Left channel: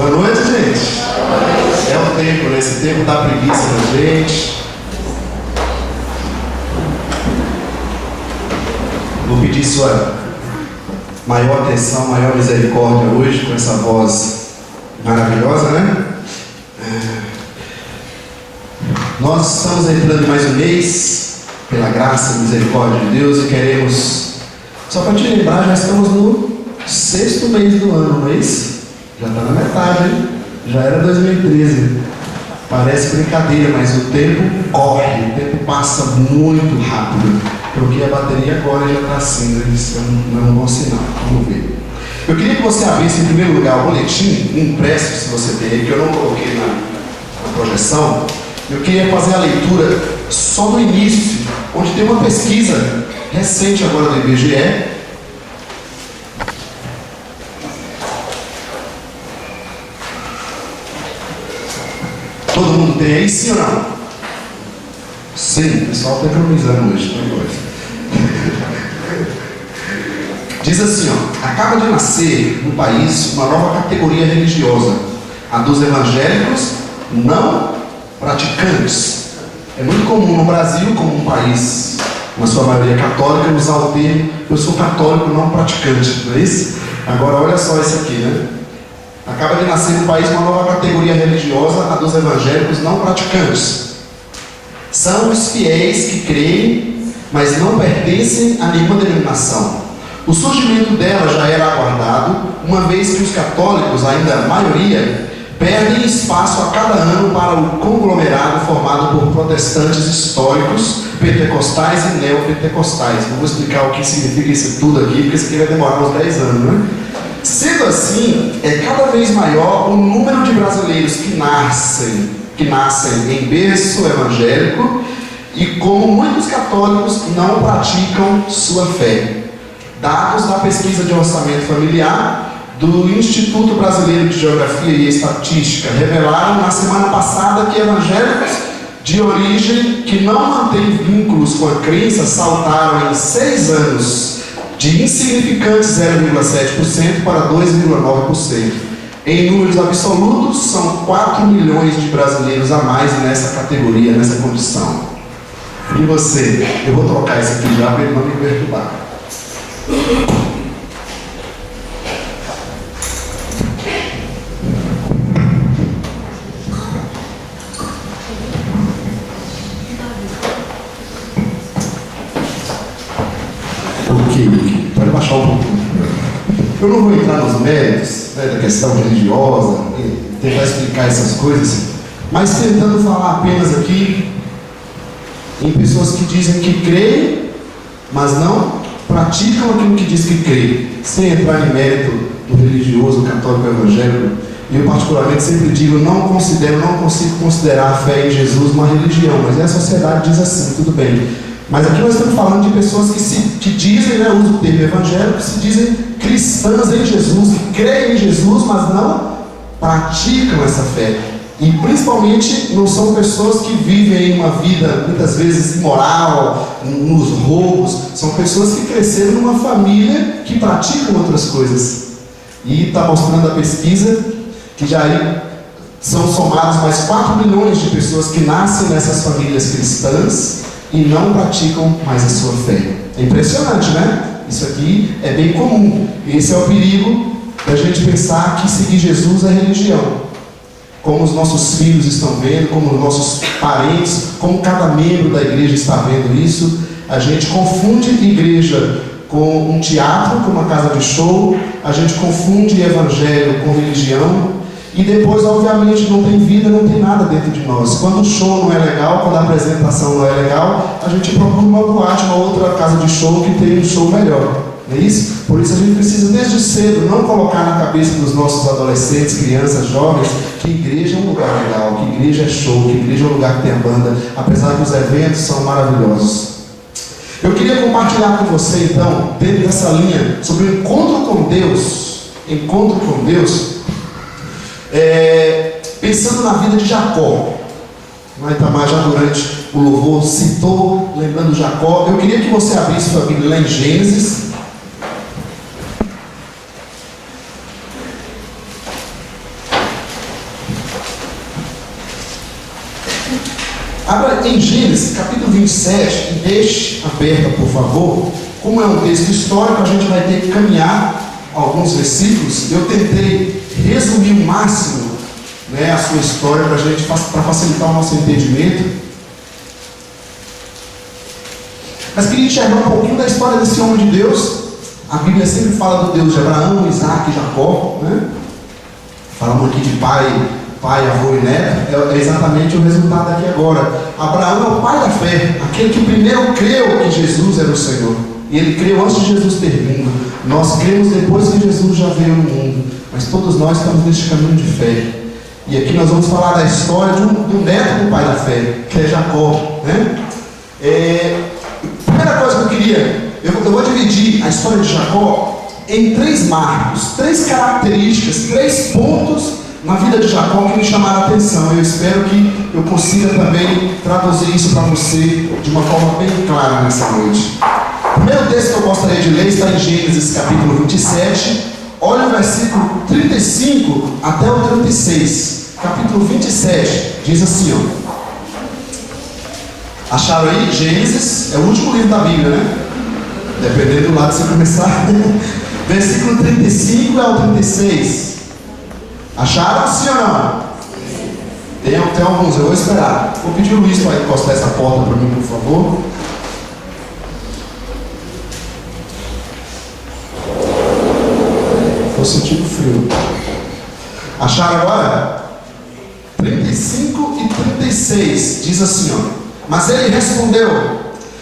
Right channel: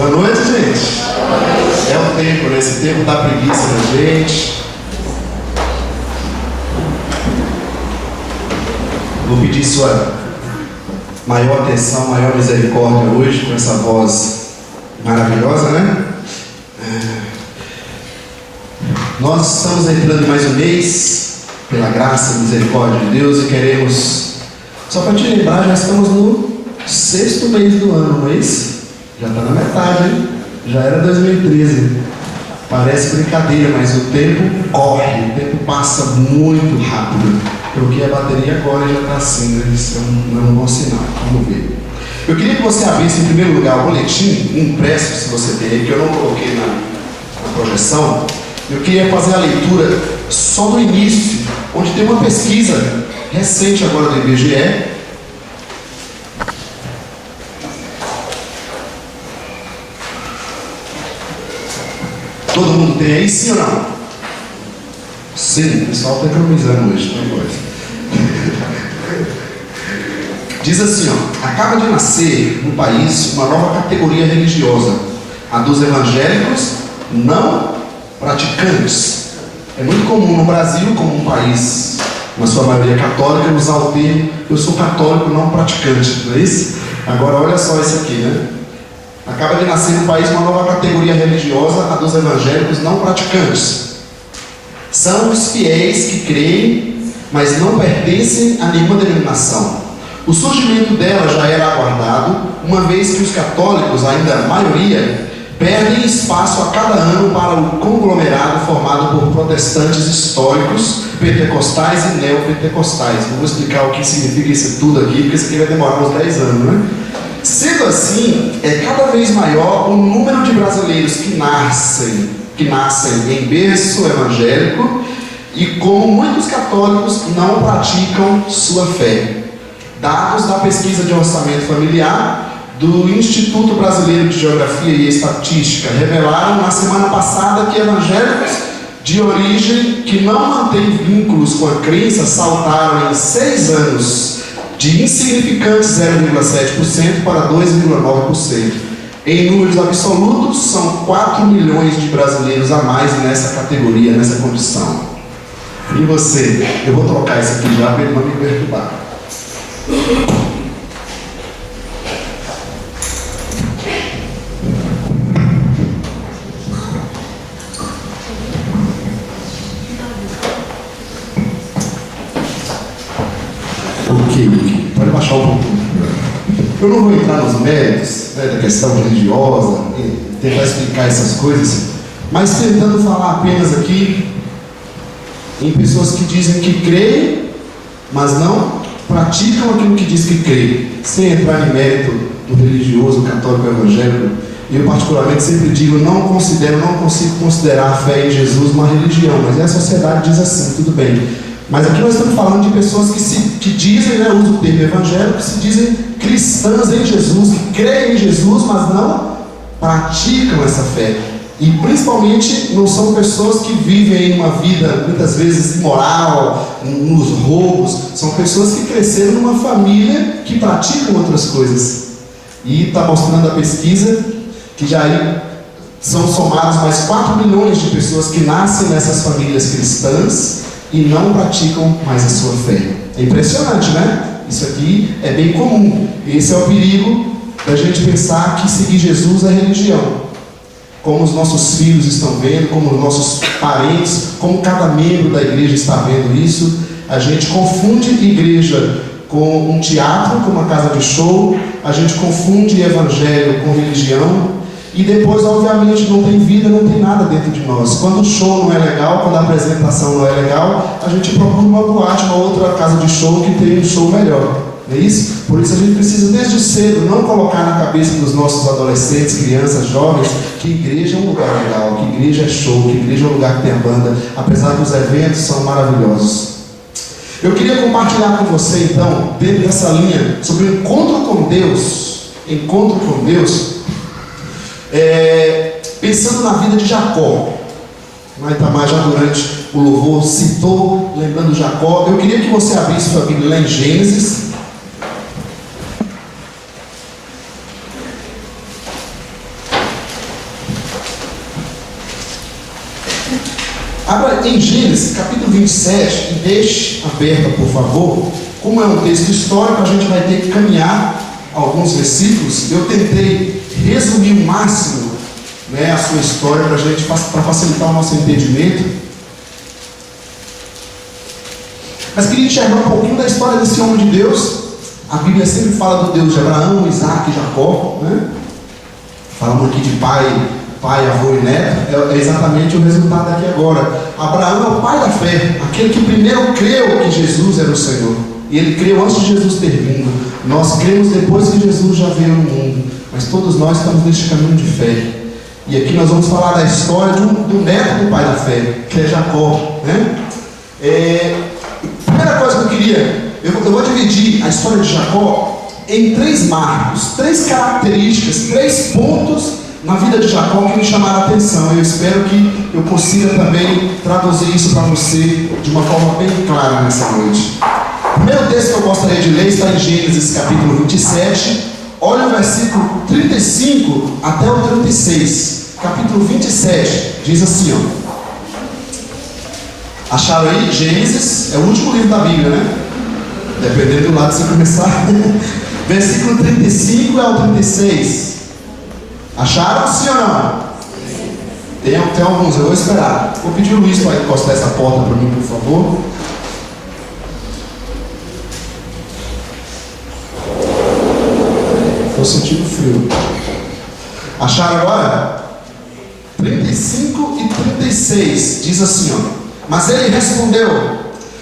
Boa noite, gente. É o tempo, né? Esse tempo dá preguiça na gente. Vou pedir sua maior atenção, maior misericórdia hoje com essa voz maravilhosa, né? Nós estamos entrando em mais um mês, pela graça e misericórdia de Deus, e queremos, só para te lembrar, já estamos no 6º mês do ano, não é isso? Já está na metade, hein? Já era 2013. Parece brincadeira, mas o tempo corre, o tempo passa muito rápido. Porque a bateria agora já está assim, isso não é um bom sinal. Vamos ver. Eu queria que você abrisse em primeiro lugar o boletim impresso, se você tem aí, que eu não coloquei na projeção. Eu queria fazer a leitura só do início, onde tem uma pesquisa recente agora do IBGE. Todo mundo tem aí, sim ou não? Sim, o pessoal está economizando hoje, não é coisa. Diz assim, ó: acaba de nascer no país uma nova categoria religiosa, a dos evangélicos não praticantes. É muito comum no Brasil, como um país, na sua maioria católica, usar o termo "eu sou católico não praticante", não é isso? Agora olha só isso aqui, né? Acaba de nascer no país uma nova categoria religiosa, a dos evangélicos não praticantes. São os fiéis que creem, mas não pertencem a nenhuma denominação. O surgimento dela já era aguardado, uma vez que os católicos, ainda a maioria, perdem espaço a cada ano para o conglomerado formado por protestantes históricos, pentecostais e neopentecostais. Não vou explicar o que significa isso tudo aqui, porque isso aqui vai demorar uns 10 anos, né? Sendo assim, é cada vez maior o número de brasileiros que nascem em berço evangélico e, como muitos católicos, não praticam sua fé. Dados da pesquisa de orçamento familiar do Instituto Brasileiro de Geografia e Estatística revelaram na semana passada que evangélicos de origem que não mantêm vínculos com a crença saltaram em 6 anos de insignificantes 0,7% para 2,9%. Em números absolutos, são 4 milhões de brasileiros a mais nessa categoria, nessa condição. E você? Eu vou trocar isso aqui já para ele não me perturbar. Ok, pode baixar um pouquinho. Eu não vou entrar nos méritos, né, da questão religiosa, tentar explicar essas coisas, mas tentando falar apenas aqui em pessoas que dizem que creem, mas não praticam aquilo que diz que creem, sem entrar em mérito do religioso, católico, evangélico. Eu particularmente sempre digo, não consigo considerar a fé em Jesus uma religião, mas a sociedade diz assim, tudo bem. Mas aqui nós estamos falando de pessoas que dizem, né, uso o termo evangélico, se dizem cristãs em Jesus, que creem em Jesus, mas não praticam essa fé. E principalmente não são pessoas que vivem uma vida muitas vezes imoral, nos roubos. São pessoas que cresceram numa família que praticam outras coisas. E está mostrando a pesquisa que já são somados mais 4 milhões de pessoas que nascem nessas famílias cristãs e não praticam mais a sua fé. É impressionante, né? Isso aqui é bem comum. Esse é o perigo da gente pensar que seguir Jesus é religião. Como os nossos filhos estão vendo, como os nossos parentes, como cada membro da igreja está vendo isso. A gente confunde igreja com um teatro, com uma casa de show. A gente confunde evangelho com religião. E depois, obviamente, não tem vida, não tem nada dentro de nós. Quando o show não é legal, quando a apresentação não é legal, a gente procura uma boate, uma outra casa de show que tem um show melhor. Não é isso? Por isso a gente precisa, desde cedo, não colocar na cabeça dos nossos adolescentes, crianças, jovens, que igreja é um lugar legal, que igreja é show, que igreja é um lugar que tem a banda, apesar que os eventos são maravilhosos. Eu queria compartilhar com você, então, dentro dessa linha, sobre o encontro com Deus, pensando na vida de Jacó. O Itamar já durante o louvor citou, lembrando Jacó. Eu queria que você abrisse sua Bíblia lá em Gênesis. Abra em Gênesis, capítulo 27, e deixe aberta, por favor. Como é um texto histórico, a gente vai ter que caminhar alguns versículos. Eu tentei resumir o máximo, a sua história para facilitar o nosso entendimento. Mas queria enxergar um pouquinho da história desse homem de Deus. A Bíblia sempre fala do Deus de Abraão, Isaac e Jacó, Falamos aqui de pai, avô e neto. É exatamente o resultado aqui agora. Abraão é o pai da fé, aquele que primeiro creu que Jesus era o Senhor. E ele creu antes de Jesus ter vindo. Nós cremos depois que Jesus já veio no mundo. Mas todos nós estamos neste caminho de fé. E aqui nós vamos falar da história do neto do pai da fé, que é Jacó. Primeira coisa que eu queria, eu vou dividir a história de Jacó em 3 marcos, 3 características, 3 pontos na vida de Jacó que me chamaram a atenção. Eu espero que eu consiga também traduzir isso para você de uma forma bem clara nessa noite. O primeiro texto que eu gostaria de ler está em Gênesis capítulo 27. Olha o versículo 35 até o 36. Capítulo 27 diz assim, Acharam aí? Gênesis é o último livro da Bíblia, Dependendo do lado que você começar. Versículo 35 ao 36. Acharam, sim ou não? Tem alguns, eu vou esperar. Vou pedir o Luiz para encostar essa porta para mim, por favor. Estou sentindo frio. Acharam agora? 35 e 36. Diz assim, Mas ele respondeu:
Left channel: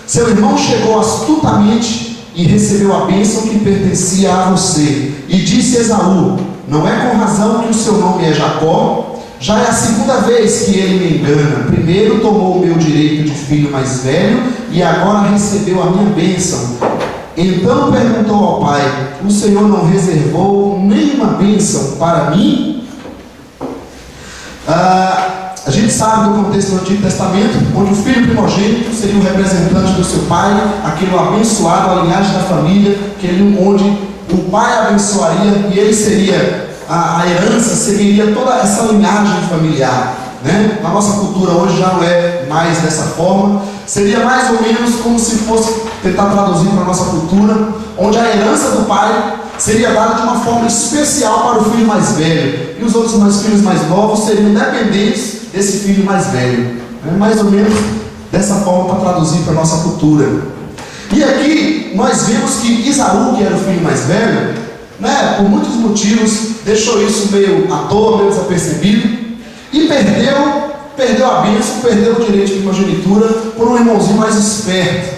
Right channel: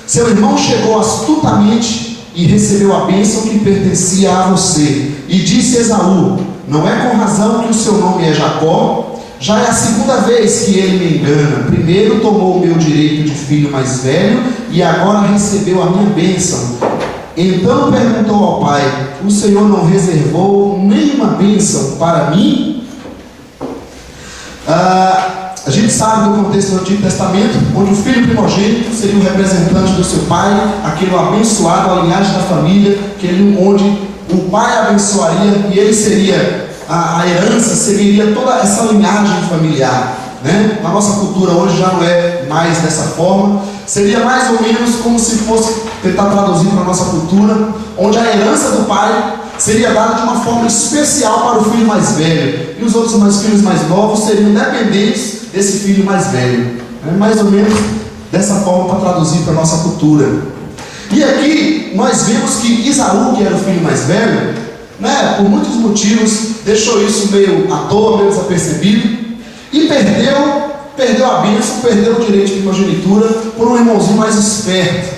seu irmão chegou astutamente e recebeu a bênção que pertencia a você. E disse Esaú: não é com razão que o seu nome é Jacó? Já é a segunda vez que ele me engana. Primeiro tomou o meu direito de filho mais velho e agora recebeu a minha bênção. Então perguntou ao pai: o Senhor não reservou nenhuma bênção para mim? A gente sabe do contexto do Antigo Testamento, onde o filho primogênito seria o representante do seu pai, aquele abençoado, a linhagem da família, onde o pai abençoaria e ele seria, a herança seguiria toda essa linhagem familiar. Na nossa cultura hoje já não é mais dessa forma. Seria mais ou menos como se fosse, tentar traduzir para a nossa cultura, onde a herança do pai seria dada de uma forma especial para o filho mais velho, e os outros filhos mais novos seriam dependentes desse filho mais velho. Mais ou menos dessa forma para traduzir para a nossa cultura. E aqui nós vemos que Esaú, que era o filho mais velho, por muitos motivos deixou isso meio à toa, meio desapercebido, e perdeu a bênção, perdeu o direito de primogenitura por um irmãozinho mais esperto.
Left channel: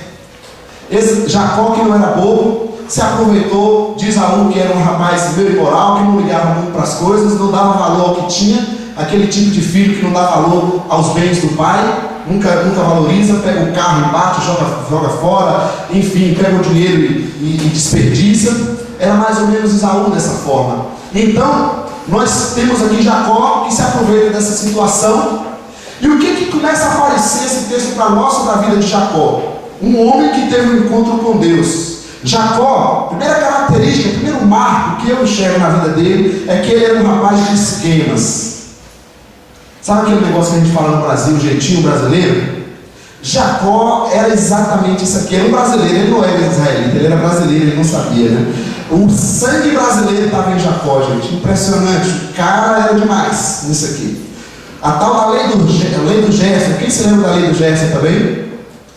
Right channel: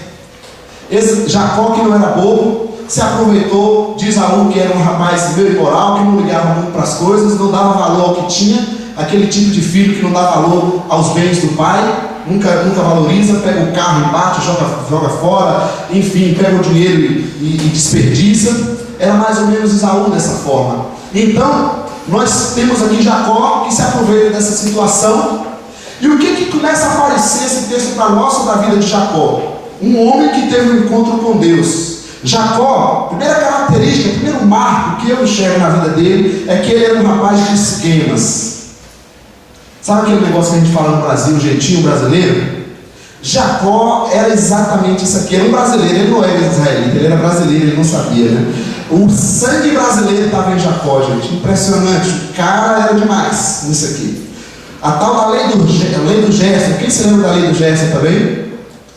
Jacó, que não era bobo, se aproveitou de Esaú, que era um rapaz meio imoral, que não ligava muito para as coisas, não dava valor ao que tinha, aquele tipo de filho que não dá valor aos bens do pai, nunca valoriza, pega o carro e bate, joga fora, enfim, pega o dinheiro e desperdiça. Era mais ou menos Esaú dessa forma. Então, nós temos aqui Jacó, que se aproveita dessa situação. E o que começa a aparecer esse texto para nós sobre a vida de Jacó? Um homem que teve um encontro com Deus. Jacó, primeira característica, primeiro marco que eu enxergo na vida dele é que ele era um rapaz de esquemas. Sabe aquele negócio que a gente fala no Brasil, o jeitinho brasileiro? Jacó era exatamente isso aqui. Era um brasileiro, ele não era israelita, ele era brasileiro, ele não sabia, O sangue brasileiro estava em Jacó, gente. Impressionante, o cara era demais nisso aqui. A tal da lei do Gerson. Quem se lembra da lei do Gerson também?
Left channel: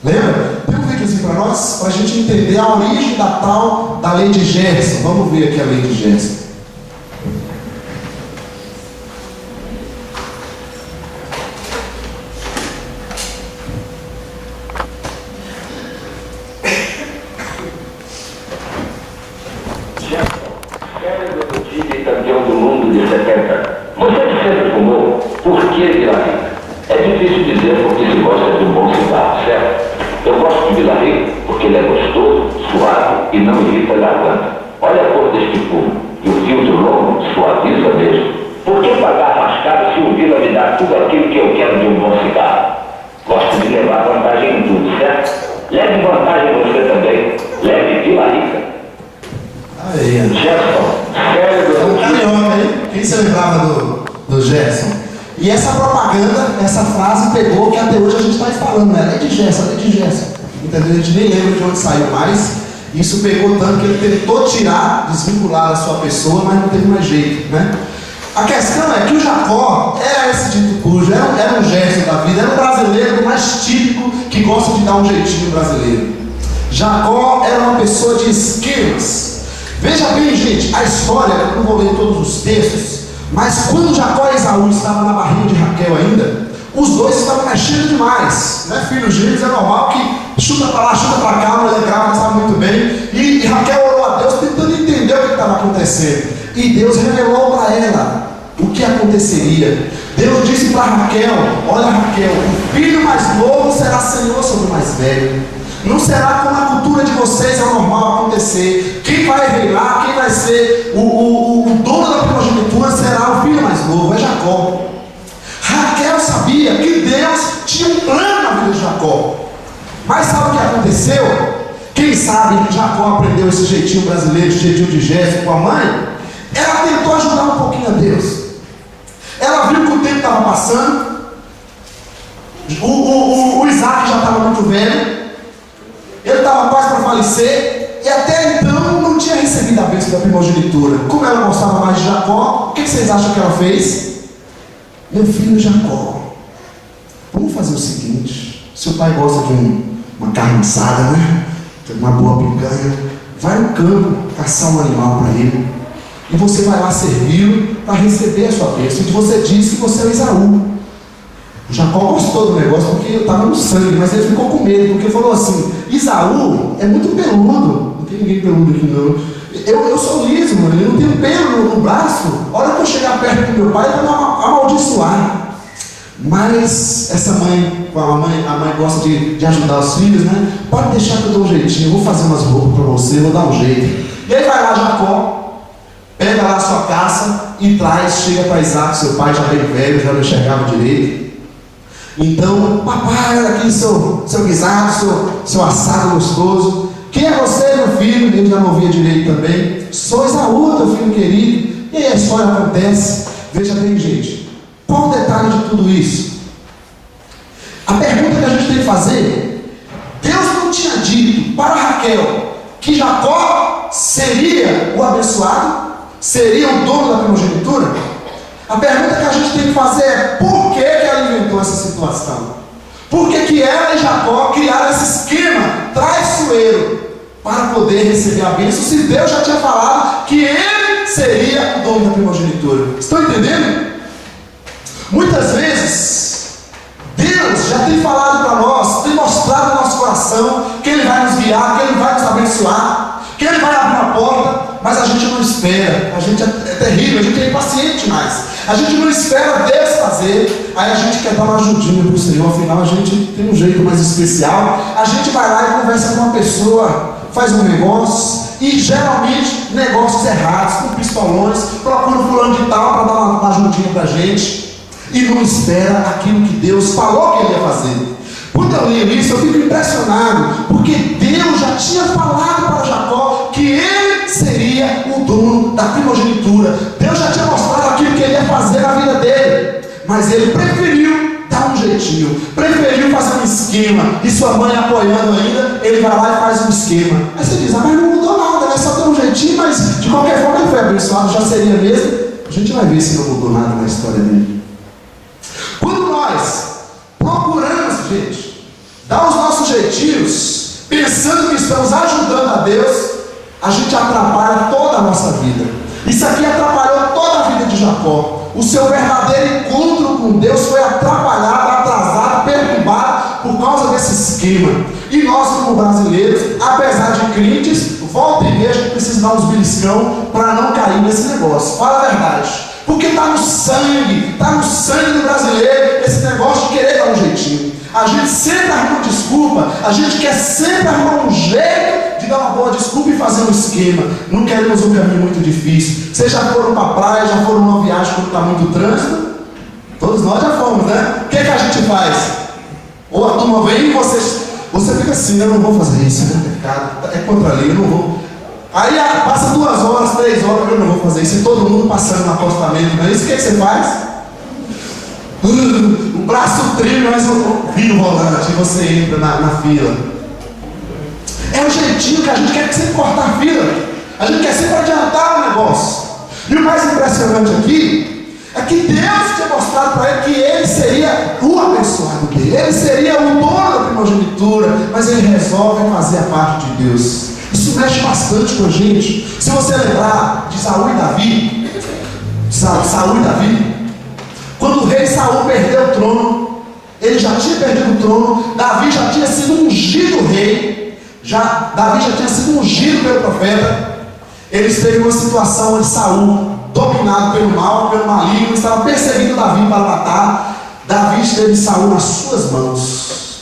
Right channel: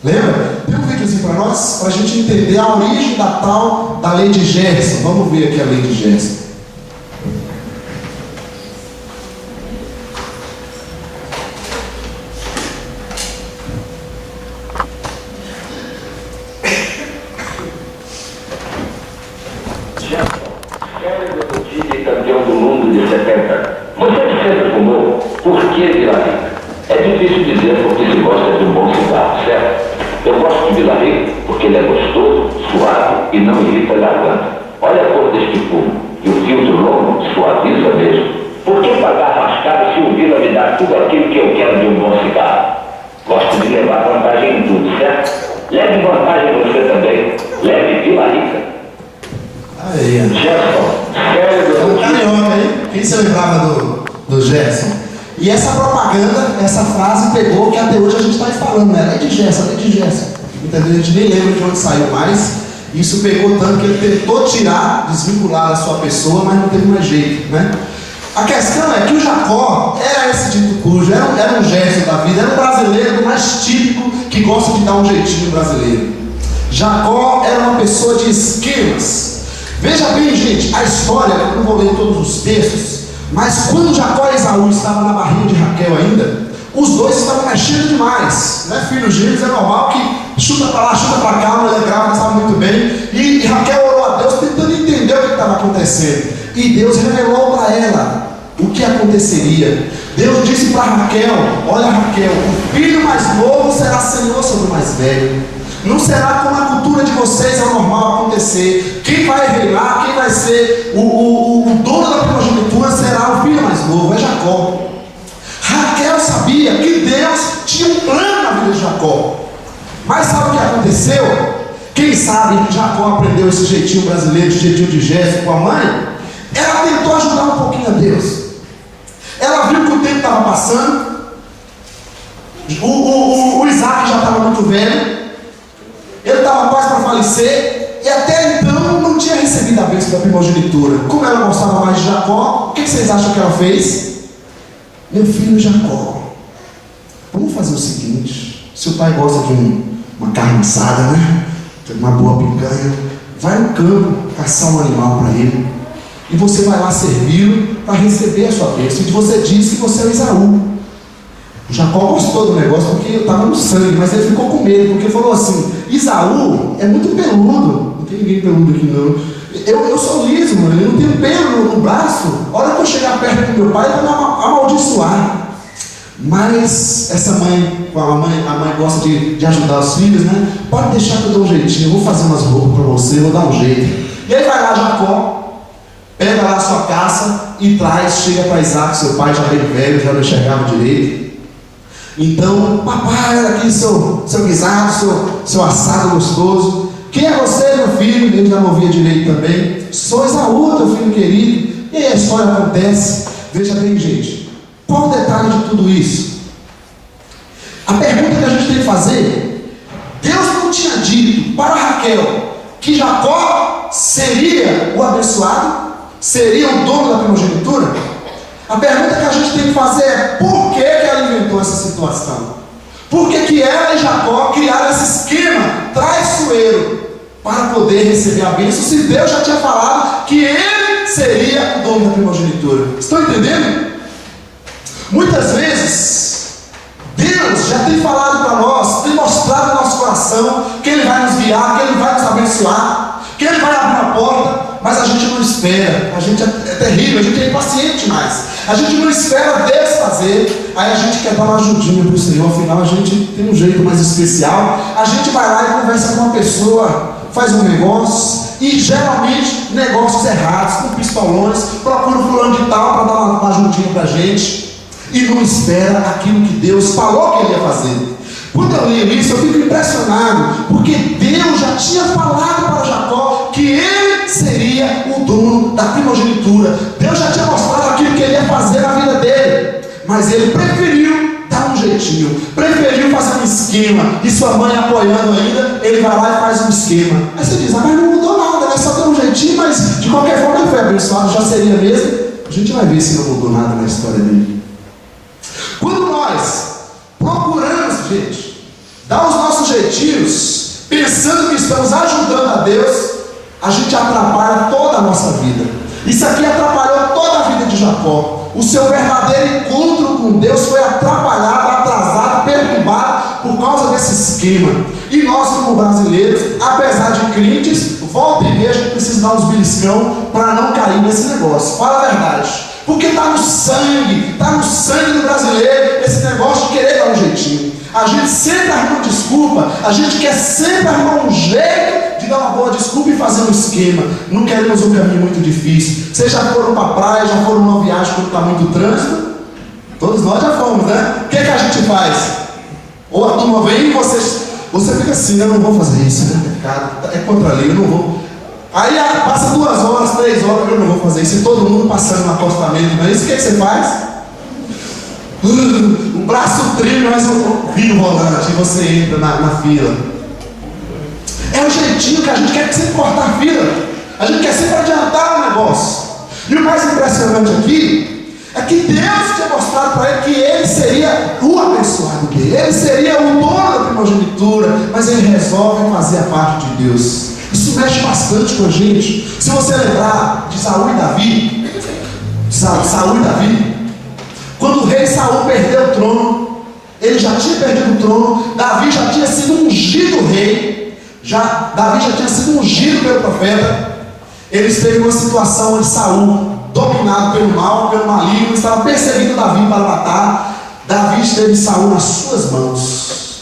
Lembra? Tem um videozinho para nós, para a gente entender a origem da lei de Gerson. Vamos ver aqui a lei de Gerson. E essa propaganda, essa frase pegou, que até hoje a gente está falando, né? É de Gerson. Entendeu? A gente nem lembra de onde saiu mais. Isso pegou tanto que ele tentou tirar, desvincular a sua pessoa, mas não teve mais jeito, né? A questão é que o Jacó era esse dito cujo, era um Gerson da vida, era um brasileiro mais típico que gosta de dar um jeitinho brasileiro. Jacó era uma pessoa de esquemas. Veja bem, gente, a história, eu não vou ler todos os textos, mas quando Jacó e Esaú estavam na barriga de Raquel ainda, os dois estavam mexendo demais, né? Filhos gêmeos é normal que chuta para lá, chuta para cá, mulher grávida sabe muito bem. E Raquel orou a Deus tentando entender o que estava acontecendo. E Deus revelou para ela o que aconteceria. Deus disse para Raquel: olha, Raquel, o filho mais novo será senhor sobre o mais velho. Não será como a cultura de vocês é normal acontecer. Quem vai reinar, quem vai ser o dono da primogenitura será o filho mais novo, é Jacó. Raquel sabia que Deus tinha um plano na vida de Jacó. Mas sabe o que aconteceu? Quem sabe Jacó aprendeu esse jeitinho brasileiro, esse jeitinho de gesto com a mãe. Ela tentou ajudar um pouquinho a Deus. Ela viu que o tempo estava passando. O Isaac já estava muito velho. Ele estava quase para falecer. E até então não tinha recebido a bênção da primogenitura. Como ela gostava mais de Jacó, o que vocês acham que ela fez? Meu filho Jacó, vamos fazer o seguinte: seu pai gosta de uma carne assada, né? Uma boa picanha. Vai no campo caçar um animal para ele. E você vai lá servi-lo para receber a sua bênção. E você diz que você é o Esaú. O Jacó gostou do negócio porque estava no sangue, mas ele ficou com medo, porque falou assim: Esaú é muito peludo. Não tem ninguém peludo aqui não. Eu sou liso, mano. Eu não tenho pelo no braço. A hora que eu chegar perto do meu pai, ele vai me amaldiçoar. Mas essa mãe, a mãe gosta de ajudar os filhos, né? Pode deixar que eu dou um jeitinho. Eu vou fazer umas roupas para você, eu vou dar um jeito. E aí vai lá Jacó, pega lá a sua caça e traz, chega para Isaac, seu pai já bem velho, já não enxergava direito. Então, papai, olha aqui seu guisado, seu assado gostoso. Quem é você, meu filho? Ele já não ouvia direito também. Sou Esaú, teu filho querido. E aí a história acontece. Veja bem, gente, qual o detalhe de tudo isso? A pergunta que a gente tem que fazer: Deus não tinha dito para Raquel que Jacó seria o abençoado? Seria o dono da primogenitura? A pergunta que a gente tem que fazer é: por que ela inventou essa situação? Por que ela e Jacó criaram esse esquema traiçoeiro para poder receber a bênção, se Deus já tinha falado que ele seria o dono da primogenitura? Estão entendendo? Muitas vezes Deus já tem falado para nós, tem mostrado no nosso coração que Ele vai nos guiar, que Ele vai nos abençoar, que Ele vai abrir uma porta, mas a gente não espera. A gente é terrível, a gente é impaciente demais. A gente não espera Deus fazer, aí a gente quer dar uma ajudinha para o Senhor. Afinal a gente tem um jeito mais especial. A gente vai lá e conversa com uma pessoa, faz um negócio, e geralmente negócios errados, com pistolões, procura o fulano de tal para dar uma ajudinha para a gente, e não espera aquilo que Deus falou que Ele ia fazer. Quando eu leio isso, eu fico impressionado, porque Deus já tinha falado para Jacó que ele seria o dono da primogenitura. Deus já tinha mostrado aquilo que ele ia fazer na vida dele, mas ele preferiu dar um jeitinho, preferiu fazer um esquema, e sua mãe apoiando ainda, ele vai lá e faz um esquema. Aí você diz: mas não mudou nada, né? Só deu um jeitinho, mas de qualquer forma ele foi abençoado, já seria mesmo. A gente vai ver se não mudou nada na história dele. Quando nós procuramos, gente, dar os nossos jeitinhos, pensando que estamos ajudando a Deus, a gente atrapalha toda a nossa vida. Isso aqui atrapalhou toda a vida de Jacó. O seu verdadeiro encontro com Deus foi atrapalhado, atrasado, perturbado por causa desse esquema. E nós, como brasileiros, apesar de crentes, volta e meia a gente precisa dar uns beliscão para não cair nesse negócio. Fala a verdade. Porque está no sangue do brasileiro esse negócio de querer dar um jeitinho. A gente sempre arruma desculpa, a gente quer sempre arrumar um jeito de dar uma boa desculpa e fazer um esquema. Não queremos um caminho muito difícil. Vocês já foram para a praia, já foram numa viagem quando está muito trânsito? Todos nós já fomos, né? O que a gente faz? Ou a turma vem e você fica assim: eu não vou fazer isso, é pecado, é contra a lei, eu não vou. Aí passa 2 horas, 3 horas, eu não vou fazer isso, e todo mundo passando no acostamento, não é isso? O que você faz? O braço treme, mas vira o volante e você entra na fila. É o jeitinho que a gente quer sempre cortar a fila. A gente quer sempre adiantar o negócio. E o mais impressionante aqui é que Deus tinha mostrado para ele que ele seria o abençoado dele. Ele seria o dono da primogenitura, mas ele resolve fazer a parte de Deus. Isso mexe bastante com a gente. Se você lembrar de Saul e Davi, quando o rei Saul perdeu o trono, ele já tinha perdido o trono, Davi já tinha sido ungido rei, Davi já tinha sido ungido pelo profeta. Eles teve uma situação onde Saul, dominado pelo mal, pelo maligno, estava perseguindo Davi para matar. Davi teve Saul nas suas mãos.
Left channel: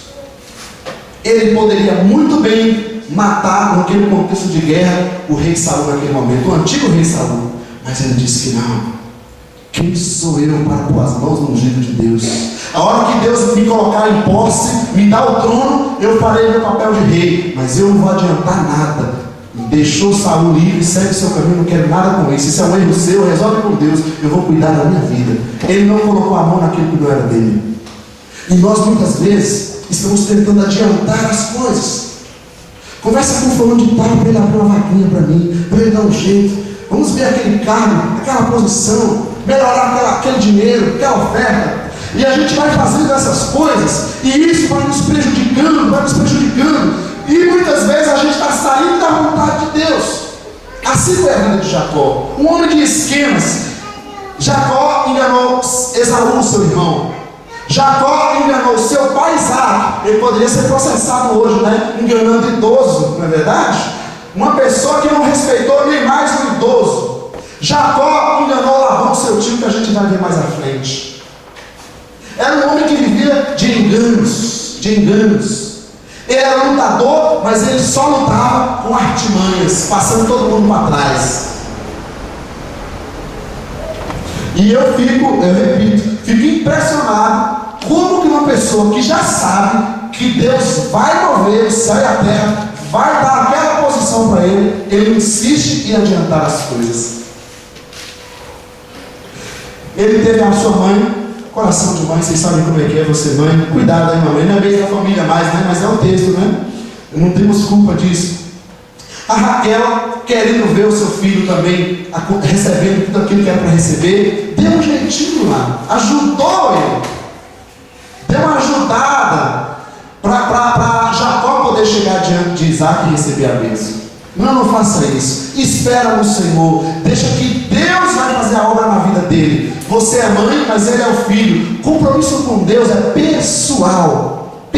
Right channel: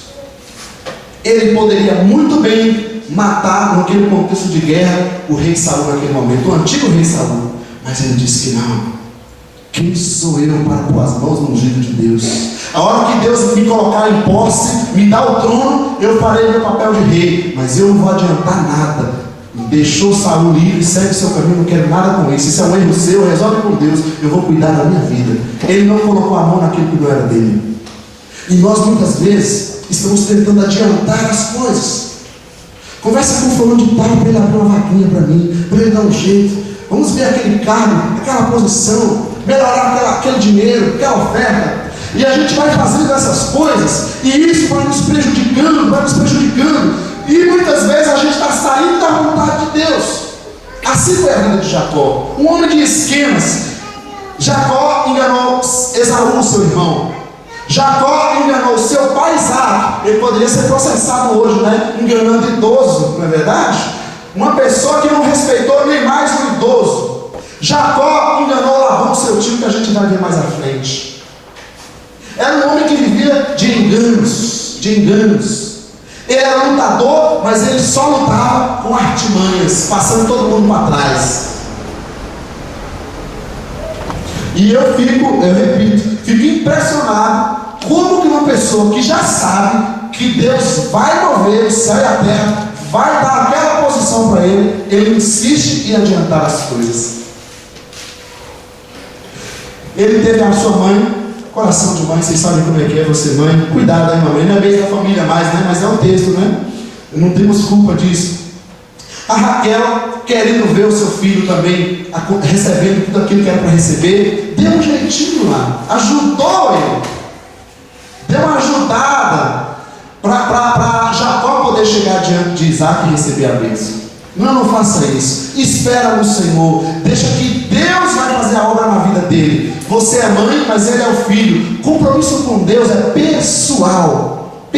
Ele poderia muito bem matar, naquele contexto de guerra, o rei Saul naquele momento, o antigo rei Saul. Mas ele disse que não. Quem sou eu para pôr as mãos no ungido de Deus? A hora que Deus me colocar em posse, me dá o trono, eu farei meu papel de rei, mas eu não vou adiantar nada. Deixou Saul livre, segue o seu caminho, não quero nada com isso. Isso é um erro seu, resolve com Deus, eu vou cuidar da minha vida. Ele não colocou a mão naquilo que não era dele. E nós muitas vezes estamos tentando adiantar as coisas. Conversa com o fulano de tal para ele abrir uma vaquinha para mim, para ele dar um jeito. Vamos ver aquele cargo, aquela posição, melhorar aquele dinheiro, aquela oferta. E a gente vai fazendo essas coisas, e isso vai nos prejudicando. E muitas vezes a gente está saindo da vontade de Deus. Assim foi a vida de Jacó, um homem de esquemas. Jacó enganou Esaú, seu irmão. Jacó enganou seu pai Isaac. Ele poderia ser processado hoje, né? Enganando idoso, não é verdade? Uma pessoa que não respeitou nem mais o idoso. Jacó enganou Labão, seu tio, que a gente vai ver mais à frente. Era um homem que vivia de enganos. Ele era lutador, mas ele só lutava com artimanhas, passando todo mundo para trás. E eu fico impressionado como que uma pessoa que já sabe que Deus vai mover o céu e a terra, vai dar aquela posição para ele insiste em adiantar as coisas. Ele teve a sua mãe, coração de mãe, vocês sabem como é que é você mãe, cuidado aí mamãe, não é bem da família mais, né? Mas é o texto, né? Não temos culpa disso. A Raquel, querendo ver o seu filho também recebendo tudo aquilo que era para receber, deu um jeitinho lá, ajudou ele, deu uma ajudada para Jacó poder chegar diante de Isaac e receber a bênção. Não faça isso, espera no Senhor, deixa que Deus vai fazer a obra na vida dele. Você é mãe, mas ele é o filho. Compromisso com Deus é pessoal.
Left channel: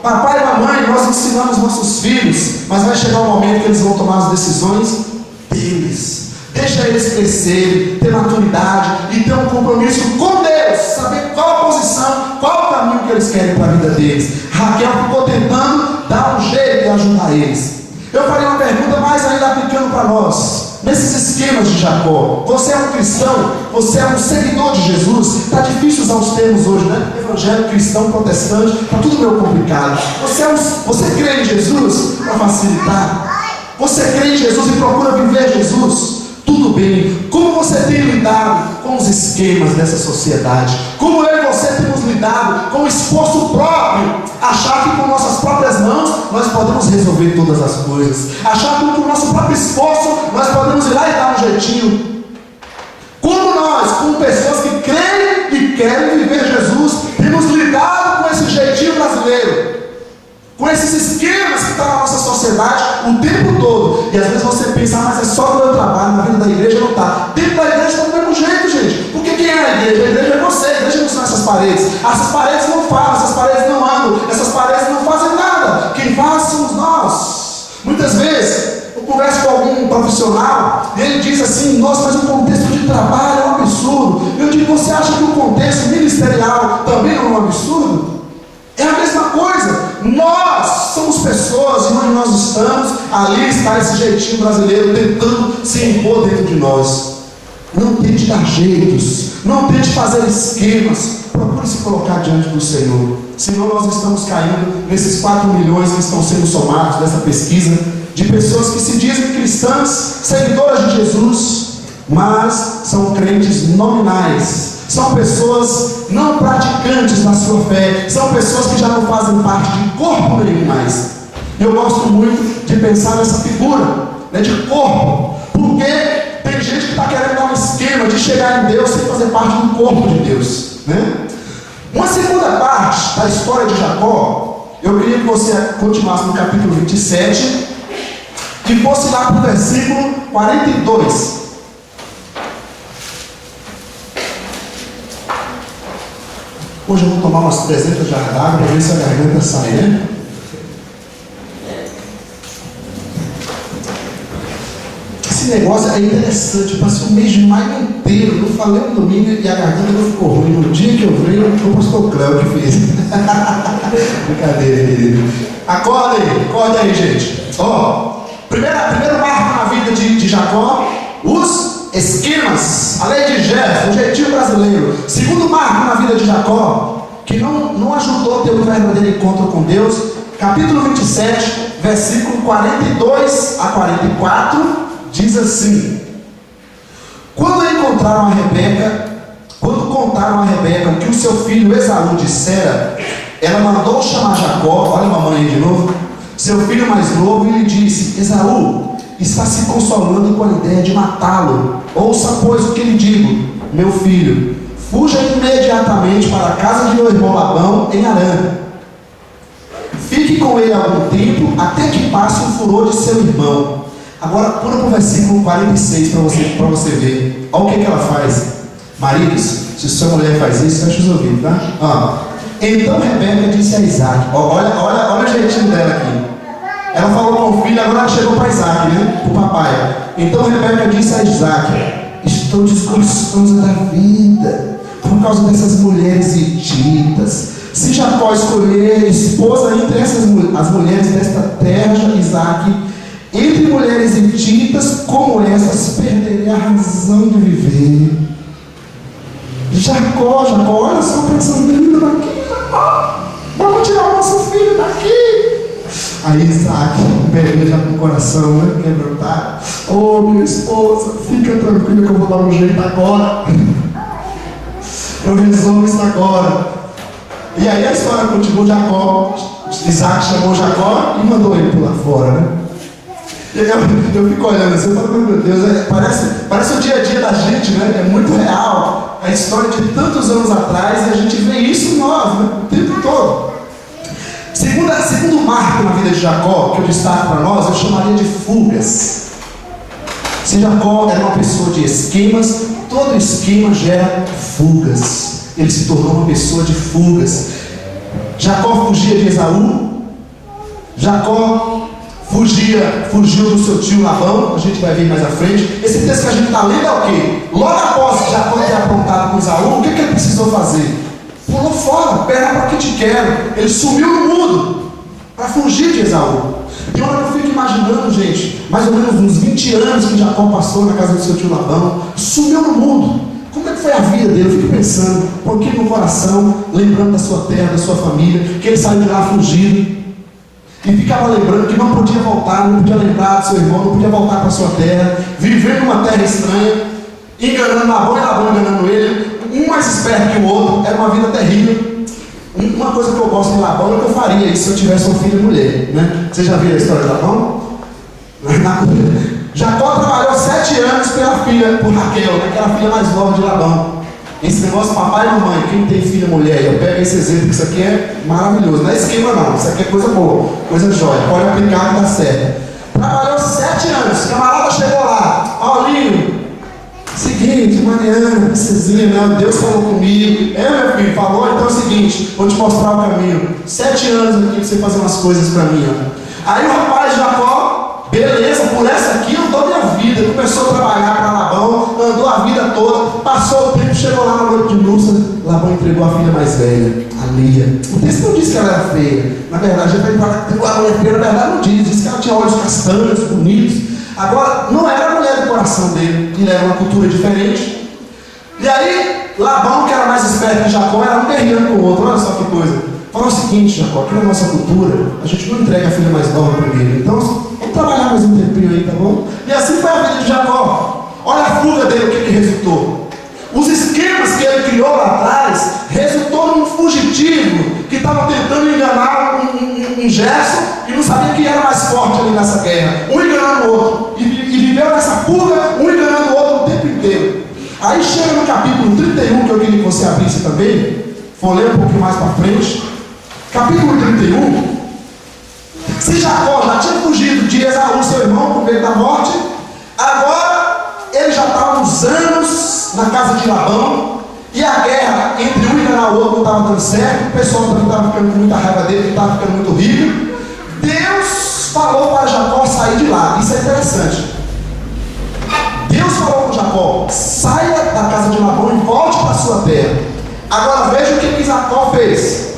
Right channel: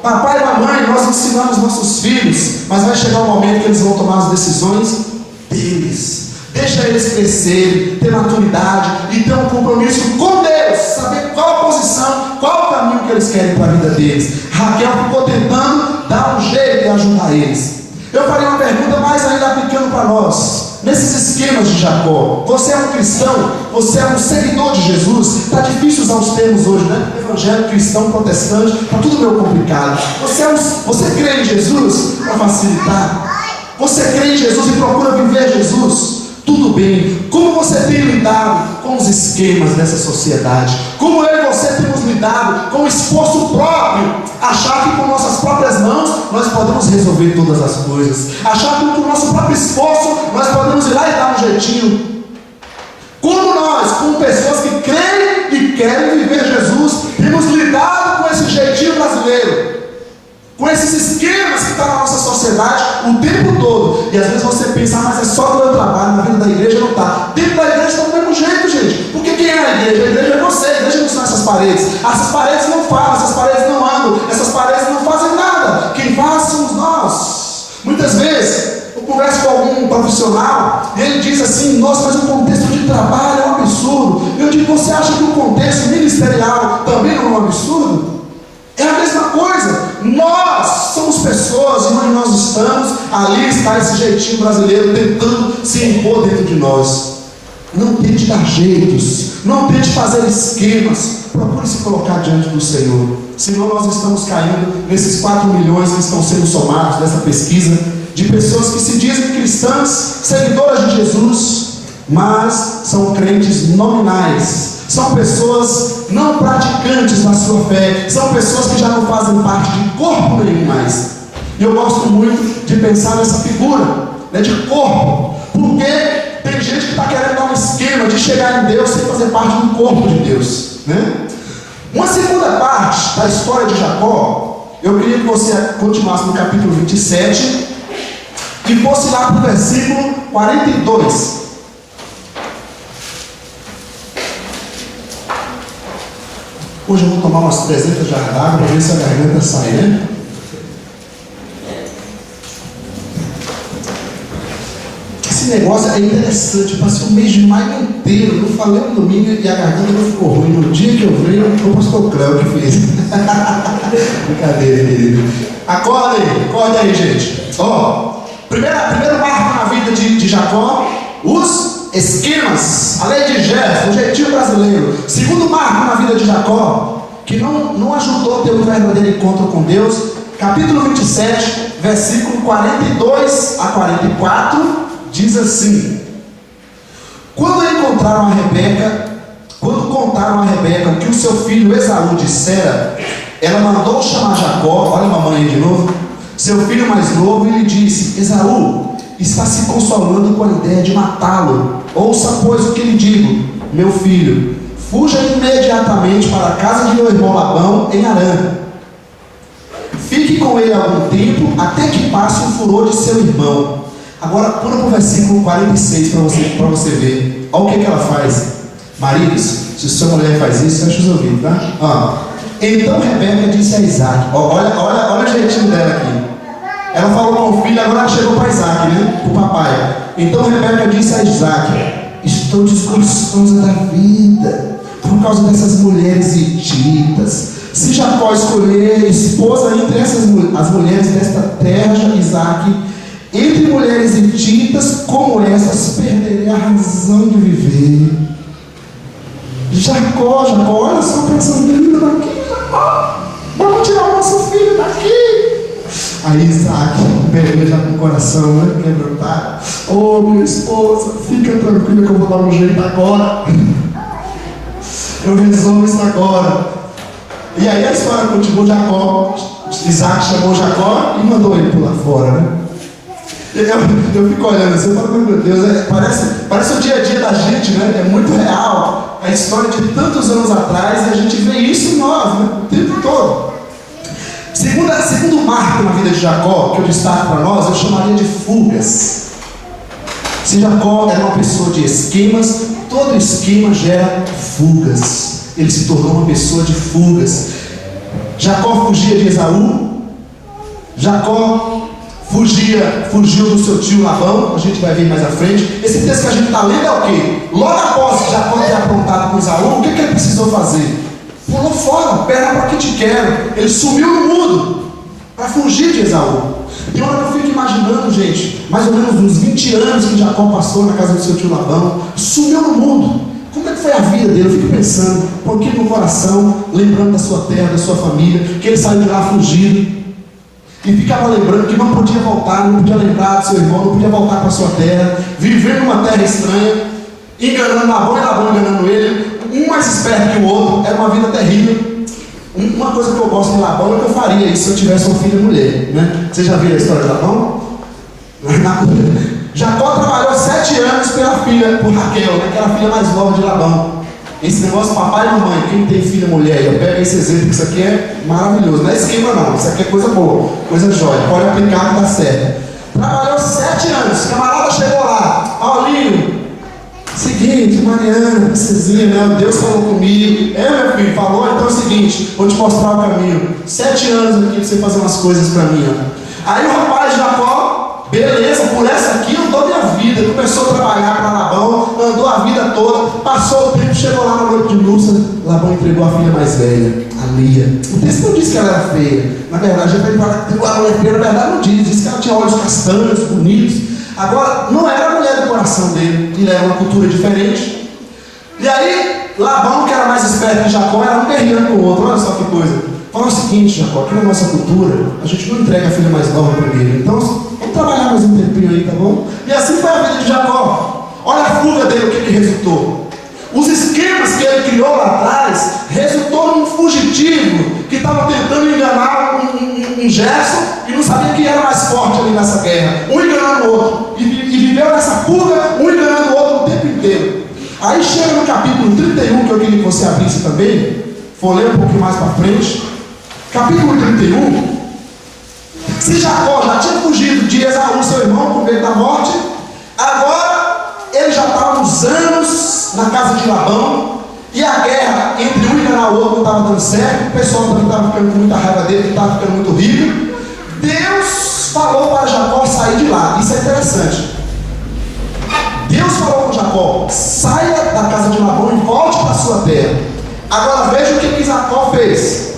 Papai e mamãe, nós ensinamos nossos filhos, mas vai chegar um momento que eles vão tomar as decisões deles. Deixa eles crescerem, ter maturidade e ter um compromisso com Deus, saber qual a posição, qual o caminho que eles querem para a vida deles. Raquel ficou tentando dar um jeito de ajudar eles. Eu farei uma pergunta mais ainda aplicando para nós. Nesses esquemas de Jacó, você é um cristão, você é um seguidor de Jesus. Está difícil usar os termos hoje, né? Evangélico, cristão, protestante, está tudo meio complicado. Você crê em Jesus para facilitar? Você crê em Jesus e procura viver Jesus? Tudo bem. Como você tem lidado com os esquemas dessa sociedade? Como eu e você temos lidado com o esforço próprio? Achar que com nossas próprias mãos nós podemos resolver todas as coisas. Achar que com o nosso próprio esforço nós podemos ir lá e dar um jeitinho. Como nós, como pessoas que creem e querem viver Jesus, temos lidado com esse jeitinho brasileiro, com esses esquemas que estão na nossa sociedade o tempo todo. E às vezes você pensa, mas é só do meu trabalho, na vida da igreja não está. Dentro da igreja está do mesmo jeito, gente. Porque quem é a igreja? A igreja é você, a igreja não são essas paredes. Essas paredes não falam, essas paredes não andam, essas paredes não fazem nada. Quem faz somos nós. Muitas vezes eu converso com algum profissional e ele diz assim, nossa, mas o contexto de trabalho é um absurdo. Eu digo, você acha que o contexto ministerial também não é um absurdo? É a mesma coisa. Nós somos pessoas e onde nós estamos, ali está esse jeitinho brasileiro tentando se impor dentro de nós. Não tente dar jeitos, não tente fazer esquemas, procure se colocar diante do Senhor. Senão nós estamos caindo nesses 4 milhões que estão sendo somados dessa pesquisa, de pessoas que se dizem cristãs, seguidoras de Jesus, mas são crentes nominais, São pessoas não praticantes da sua fé. São pessoas que já não fazem parte de corpo nenhum mais. E eu gosto muito de pensar nessa figura, né, de corpo. Porque tem gente que está querendo dar um esquema de chegar em Deus sem fazer parte do corpo de Deus, né? Uma segunda parte da história de Jacó, eu queria que você continuasse no capítulo 27 e fosse lá para o versículo 42. Hoje eu vou tomar umas 300 jarras d'água para ver se a garganta sai, né? Esse negócio é interessante. Eu passei o mês de maio inteiro, não falei um domingo e a garganta não ficou ruim. No dia que eu venho, foi o pastor Cléo que fez. Brincadeira, querido. Acorda aí, gente. Ó, primeiro marco na vida de Jacó, os esquemas, a lei de Jefté, o jeitinho brasileiro. Segundo marco na vida de Jacó, que não ajudou a ter um verdadeiro encontro com Deus, capítulo 27, versículo 42 a 44, diz assim: quando contaram a Rebeca o que o seu filho Esaú dissera, ela mandou chamar Jacó, olha a mamãe aí de novo, seu filho mais novo, e lhe disse: Esaú está se consolando com a ideia de matá-lo. Ouça, pois, o que lhe digo: meu filho, fuja imediatamente para a casa de meu irmão Labão em Harã. Fique com ele algum tempo, até que passe o furor de seu irmão. Agora pula para o versículo 46 para você ver. Olha o que ela faz. Maridos, se sua mulher faz isso, fecha os ouvidos, tá? Então Rebeca disse a Isaac, olha o jeitinho dela aqui. Ela falou com o filho, agora ela chegou para Isaac, né? Para o papai. Então Rebeca disse a Isaac: estou desgostosa da vida por causa dessas mulheres hititas. Se Jacó escolher esposa entre as mulheres desta terra, Isaac, entre mulheres hititas como essas, perderei a razão de viver. Jacó, olha só, pensando lindo daqui, Jacó, vamos tirar o nosso filho daqui. Aí Isaac pega já com o coração, né, quebrantado. Oh, minha esposa, fica tranquila que eu vou dar um jeito agora. Eu resolvo isso agora. E aí a história continuou. Isaac chamou Jacó e mandou ele pular fora, né? Eu fico olhando assim, eu falo, meu Deus, parece o dia a dia da gente, né? É muito real. A história de tantos anos atrás, e a gente vê isso em nós, né? O tempo todo. Segundo marco na vida de Jacó, que eu destaco para nós, eu chamaria de fugas. Se Jacó era uma pessoa de esquemas, todo esquema gera fugas. Ele se tornou uma pessoa de fugas. Jacó fugia de Esaú. Jacó fugiu do seu tio Labão. A gente vai ver mais à frente. Esse texto que a gente está lendo é o quê? Logo após Jacó ter aprontado com Esaú, o que ele precisou fazer? Pulou fora, perna para que te quero. Ele sumiu no mundo para fugir de Esaú. E olha, eu fico imaginando, gente, mais ou menos uns 20 anos que Jacó passou na casa do seu tio Labão, sumiu no mundo. Como é que foi a vida dele? Eu fico pensando, um pouquinho no coração, lembrando da sua terra, da sua família, que ele saiu de lá fugido. E ficava lembrando que não podia voltar, não podia lembrar do seu irmão, não podia voltar para a sua terra, vivendo numa terra estranha, enganando Labão e Labão enganando ele, um mais esperto que o outro. Era uma vida terrível. Uma coisa que eu gosto de Labão é que eu faria isso se eu tivesse uma filha mulher, né? Você já viu a história de Labão? Jacó trabalhou 7 anos pela filha, por Raquel, né, que era a filha mais nova de Labão. Esse negócio, papai e mamãe, quem tem filha mulher, eu pego esse exemplo, que isso aqui é maravilhoso. Não é esquema não, isso aqui é coisa boa, coisa jóia, pode aplicar que dá certo. Trabalhou 7 anos, o camarada chegou lá: Paulinho, seguinte, Mariana, princesinha, né? Deus falou comigo. Meu filho, falou, então é o seguinte, vou te mostrar o caminho. 7 anos aqui pra você fazer umas coisas pra mim, ó. Aí o rapaz Jacó, beleza, por essa aqui eu dou minha vida. Começou a trabalhar para Labão, andou a vida toda, passou o tempo, chegou lá na noite de núpcias. Labão entregou a filha mais velha, a Lia. O texto não diz que ela era feia. Na verdade, ele entregou a mulher feia, na verdade não diz que ela tinha olhos castanhos, bonitos. Agora, não era a mulher do coração dele, ele era uma cultura diferente. E aí, Labão, que era mais esperto que Jacó, era um guerreiro com o outro. Olha só que coisa. Fala o seguinte, Jacó, aqui na nossa cultura, a gente não entrega a filha mais nova primeiro. Então, vamos trabalhar mais um tempinho aí, tá bom? E assim foi a vida de Jacó. Olha a fuga dele, o que resultou. Os esquemas que ele criou lá atrás resultou num fugitivo que estava tentando enganar um Gerson e não sabia quem era mais forte ali nessa guerra. Um enganando o outro. E viveu nessa fuga, um enganando o outro o tempo inteiro. Aí chega no capítulo 31, que eu queria que você abrisse também. Vou ler um pouquinho mais para frente. Capítulo 31. Se Jacó já tinha fugido de Esaú, seu irmão, com medo da morte, agora ele já estava uns anos na casa de Labão, e a guerra entre um e enganar o outro não estava dando certo, o pessoal também estava ficando com muita raiva dele, ele estava ficando muito rico. Deus falou para Jacó sair de lá. Isso é interessante. Deus falou com Jacó: saia da casa de Labão e volte para a sua terra. Agora veja o que Jacó fez.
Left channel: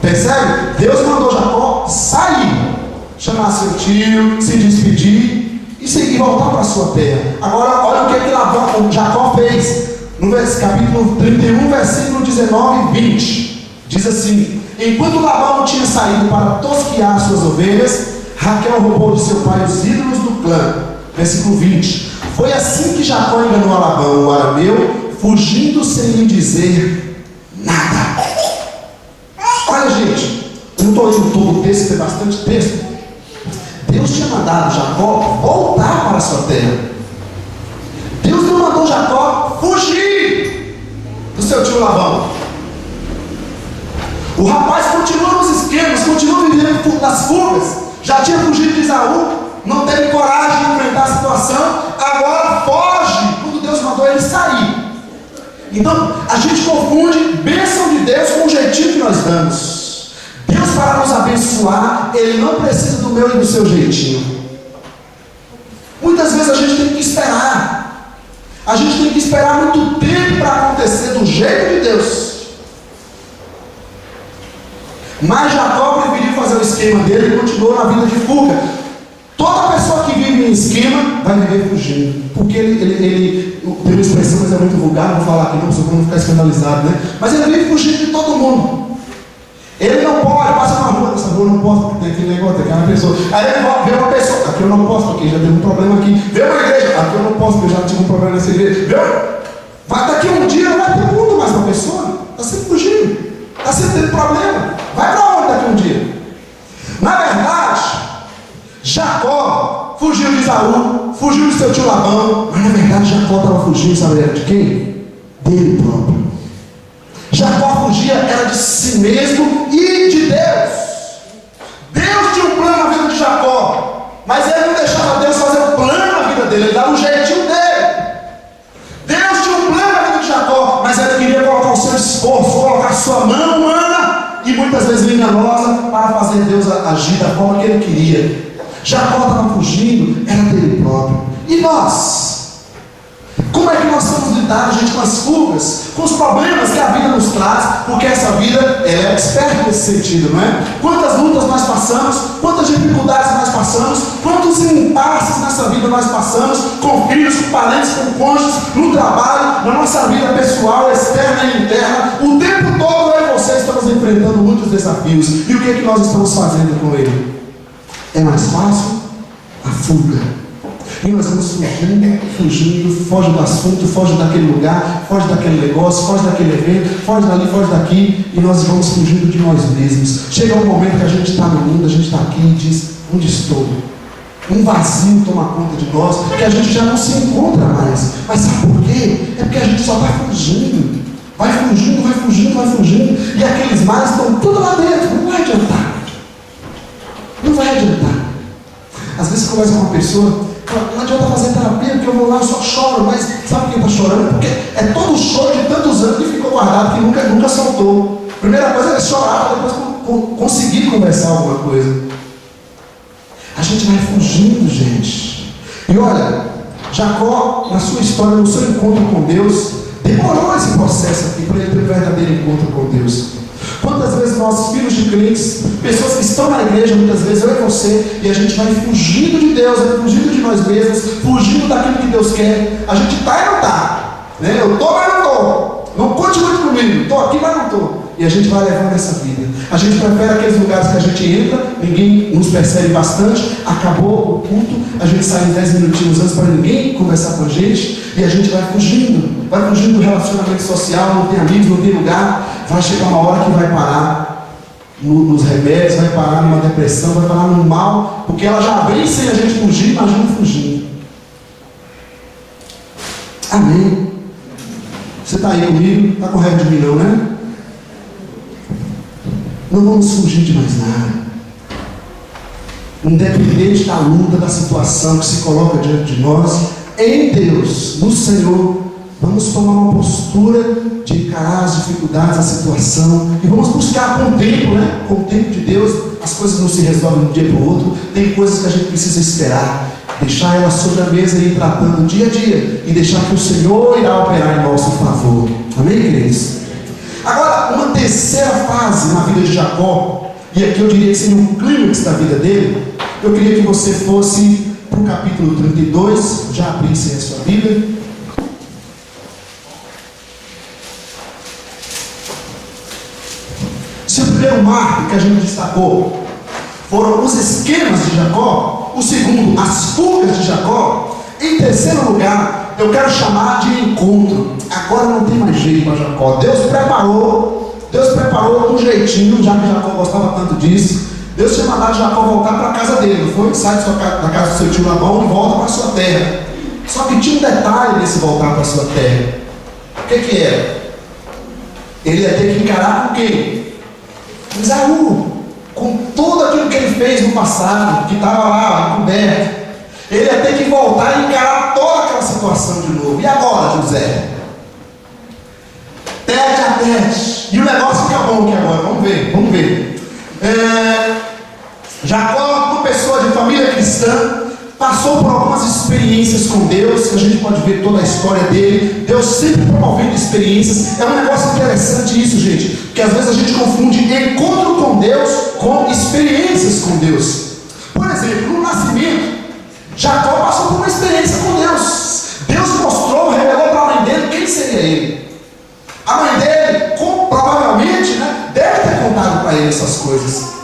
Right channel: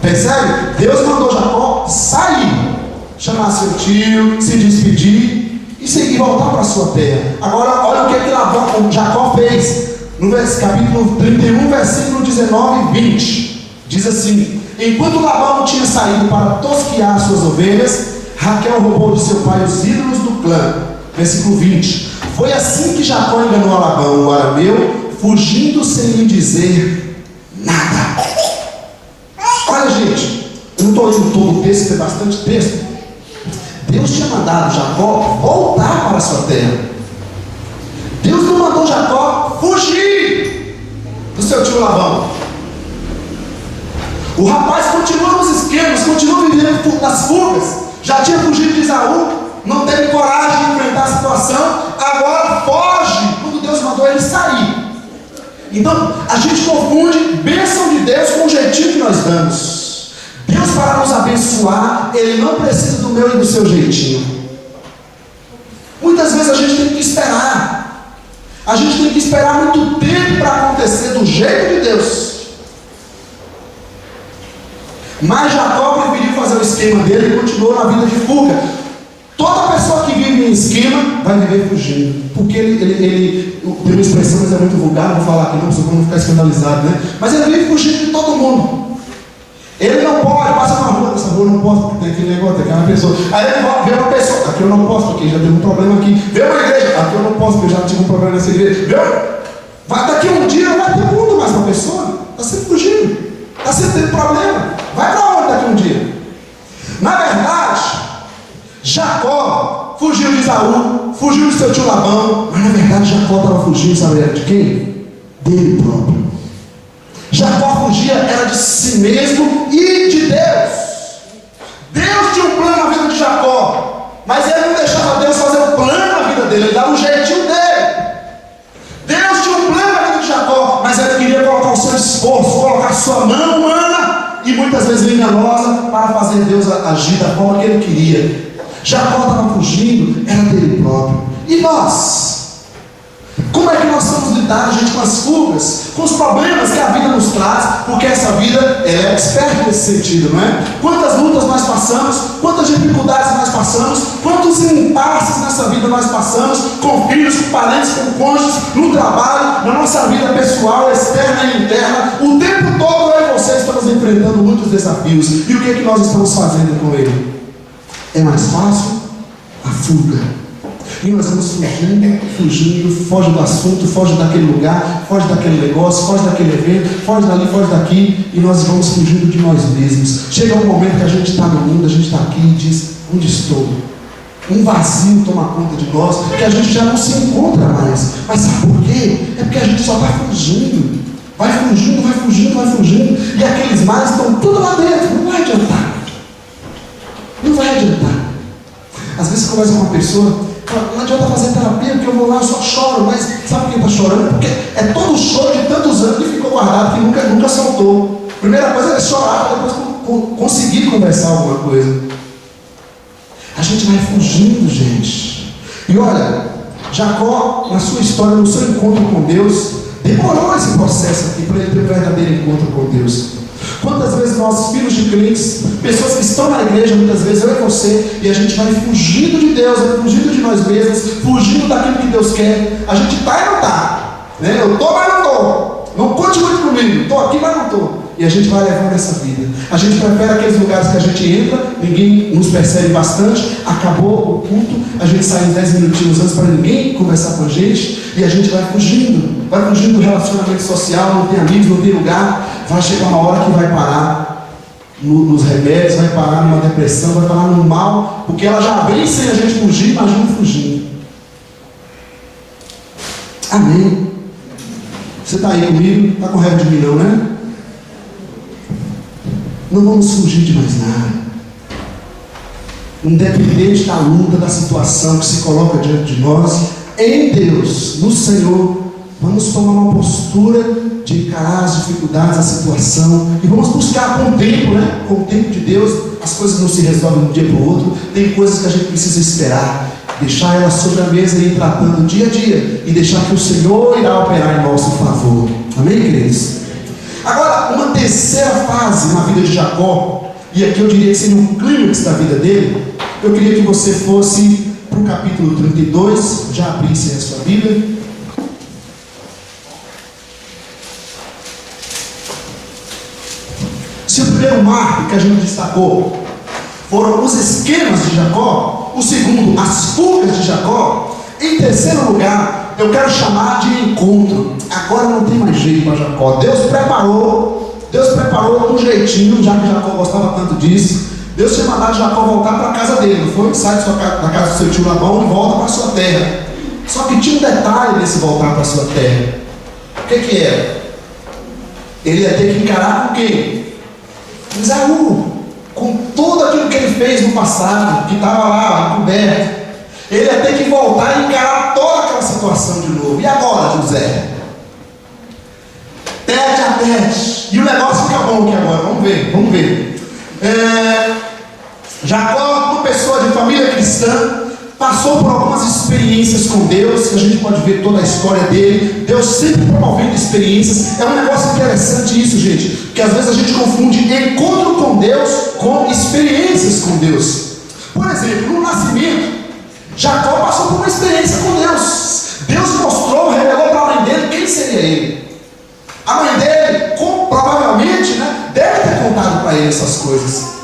Percebe? Deus mandou Jacó sair, chamar seu tio, se despedir e seguir, voltar para a sua terra. Agora olha o que Jacó fez. No capítulo 31, versículo 19 e 20. Diz assim: enquanto Labão tinha saído para tosquiar suas ovelhas, Raquel roubou de seu pai os ídolos do clã. Versículo 20. Foi assim que Jacó enganou a Labão, o arameu, fugindo sem lhe dizer nada. Olha, gente, eu não estou lendo todo o texto, tem bastante texto. Deus tinha mandado Jacó voltar para a sua terra. Deus não mandou Jacó fugir do seu tio Labão. O rapaz continua nos esquemas, continua vivendo nas fugas. Já tinha fugido de Esaú, não teve coragem de enfrentar a situação, agora foge quando Deus mandou ele sair. Então a gente confunde bênção de Deus com o jeitinho que nós damos. Deus, para nos abençoar, Ele não precisa do meu e do seu jeitinho. Muitas vezes a gente tem que esperar. A gente tem que esperar muito tempo para acontecer do jeito de Deus. Mas Jacó preferiu fazer o esquema dele e continuou na vida de fuga. Toda pessoa que vive em esquema vai viver fugindo. Porque ele tem uma expressão, mas é muito vulgar, vou falar aqui não, para não ficar escandalizado, né? Mas ele vive fugindo de todo mundo. Ele não pode, passa na rua, nessa rua eu não posso, porque tem aquele negócio, tem aquela pessoa. Aí ele vê uma pessoa, aqui eu não posso, porque já teve um problema aqui. Vê uma igreja, aqui eu não posso, porque eu já tive um problema nessa igreja. Daqui a um dia não vai ter mundo mais para a pessoa. Está sempre fugindo, está sempre tendo problema. Vai para onde daqui a um dia? Na verdade, Jacó fugiu de Esaú, fugiu de seu tio Labão, mas na verdade Jacó estava fugindo, sabe de quem? Dele próprio. Jacó fugia era de si mesmo e de Deus. Deus tinha um plano na vida de Jacó, mas ele não deixava Deus fazer um plano na vida dele, ele dava um jeitinho dele. Deus tinha um plano na vida de Jacó, mas ele queria colocar o seu esforço, colocar a sua mão humana e muitas vezes enganosa para fazer Deus agir da forma que ele queria. Jacó estava fugindo, era dele próprio. E nós? Como é que nós vamos lidar, gente, com as fugas, com os problemas que a vida nos traz? Porque essa vida, ela é experta nesse sentido, não é? Quantas lutas nós passamos, quantas dificuldades nós passamos, quantos impasses nessa vida nós passamos, com filhos, com parentes, com cônjuges, no trabalho, na nossa vida pessoal, externa e interna. O tempo todo eu e você estamos enfrentando muitos desafios. E o que é que nós estamos fazendo com ele? É mais fácil a fuga. E nós vamos fugindo, foge do assunto, foge daquele lugar, foge daquele negócio, foge daquele evento, foge dali, foge daqui, e nós vamos fugindo de nós mesmos. Chega um momento que a gente está no mundo, a gente está aqui e diz: onde estou? Um vazio toma conta de nós, que a gente já não se encontra mais. Mas sabe por quê? É porque a gente só vai fugindo. Vai fugindo, vai fugindo, vai fugindo. E aqueles males estão tudo lá dentro, não vai adiantar. Não vai adiantar. Às vezes você conversa com uma pessoa, não adianta fazer terapia, porque eu vou lá, eu só choro. Mas sabe quem está chorando? Porque é todo o choro de tantos anos que ficou guardado, que nunca soltou. Primeira coisa é chorar, para depois conseguir conversar alguma coisa. A gente vai fugindo, gente. E olha, Jacó, na sua história, no seu encontro com Deus, demorou esse processo aqui para ele ter um verdadeiro encontro com Deus. Quantas vezes nós, filhos de crentes, pessoas que estão na igreja, muitas vezes eu e você, e a gente vai fugindo de Deus, fugindo de nós mesmos, fugindo daquilo que Deus quer. A gente está e não está, né? Eu estou, mas não estou. Não continue comigo, estou aqui, mas não estou. E a gente vai levando essa vida. A gente prefere aqueles lugares que a gente entra, ninguém nos percebe bastante, acabou o culto, a gente sai em 10 minutinhos antes para ninguém conversar com a gente, e a gente vai fugindo. vai fugindo do relacionamento social, não tem amigos, não tem lugar. Vai chegar uma hora que vai parar nos remédios, vai parar numa depressão, vai parar no mal, porque ela já vem sem a gente fugir, imagina fugindo. Amém? Você está aí comigo? Está com raiva de mim não, né? Não vamos fugir de mais nada. Independente da luta, da situação que se coloca diante de nós, em Deus, no Senhor, vamos tomar uma postura de encarar as dificuldades, a situação, e vamos buscar com o tempo, né? Com o tempo de Deus. As coisas não se resolvem de um dia para o outro. Tem coisas que a gente precisa esperar, deixar elas sobre a mesa e ir tratando dia a dia, e deixar que o Senhor irá operar em nosso favor. Amém, queridos? Agora, uma terceira fase na vida de Jacó, e aqui eu diria que seria um clímax da vida dele. Eu queria que você fosse para o capítulo 32, já abrisse a sua Bíblia. Se o primeiro marco que a gente destacou foram os esquemas de Jacó, o segundo, as fugas de Jacó, em terceiro lugar, eu quero chamar de encontro. Agora não tem mais jeito para Jacó. Deus preparou um jeitinho, já que Jacó gostava tanto disso. Deus tinha mandado Jacó voltar para a casa dele, não foi? Sai da casa do seu tio Labão e volta para a sua terra. Só que tinha um detalhe nesse voltar para a sua terra. O que era? Ele ia ter que encarar com quem? Esaú, com tudo aquilo que ele fez no passado, que estava lá, encoberto. Ele ia ter que voltar e encarar toda aquela situação de novo. E agora, José? Tete a tete. E o negócio fica bom aqui agora, vamos ver. Jacó, uma pessoa de família cristã, passou por algumas experiências com Deus, que a gente pode ver toda a história dele. Deus sempre promovendo experiências. É um negócio interessante isso, gente, porque às vezes a gente confunde encontro com Deus com experiências com Deus. Por exemplo, no nascimento, Jacó passou por uma experiência com Deus. Deus mostrou, revelou para a mãe dele quem seria ele. A mãe dele, provavelmente, deve ter contado para ele essas coisas.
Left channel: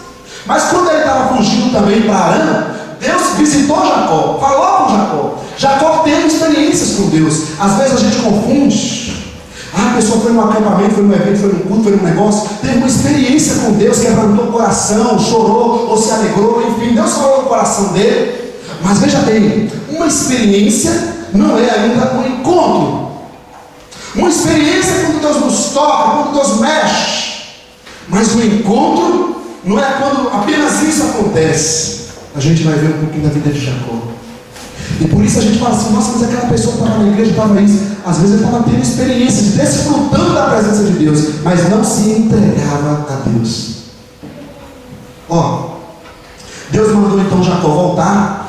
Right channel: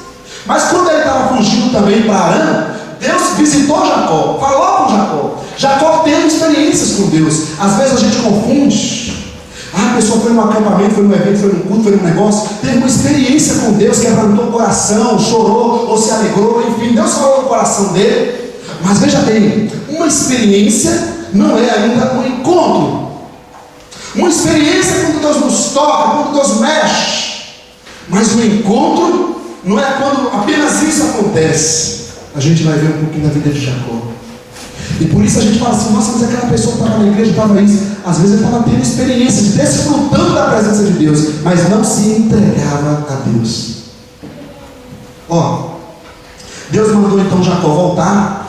Mas quando ele estava fugindo também para Arã, Deus visitou Jacó, falou com Jacó. Jacó teve experiências com Deus. Às vezes a gente confunde. A pessoa foi num acampamento, foi num evento, foi num culto, foi num negócio, teve uma experiência com Deus, quebrantou o coração, chorou ou se alegrou, enfim, Deus falou no coração dele. Mas veja bem, uma experiência não é ainda um encontro. Uma experiência é quando Deus nos toca, quando Deus mexe. Mas o encontro não é quando apenas isso acontece. A gente vai ver um pouquinho da vida de Jacó. E por isso a gente fala assim, nossa, mas aquela pessoa que estava na igreja, estava isso. Às vezes ele estava tendo experiências, desfrutando da presença de Deus, mas não se entregava a Deus. Deus mandou então Jacó voltar.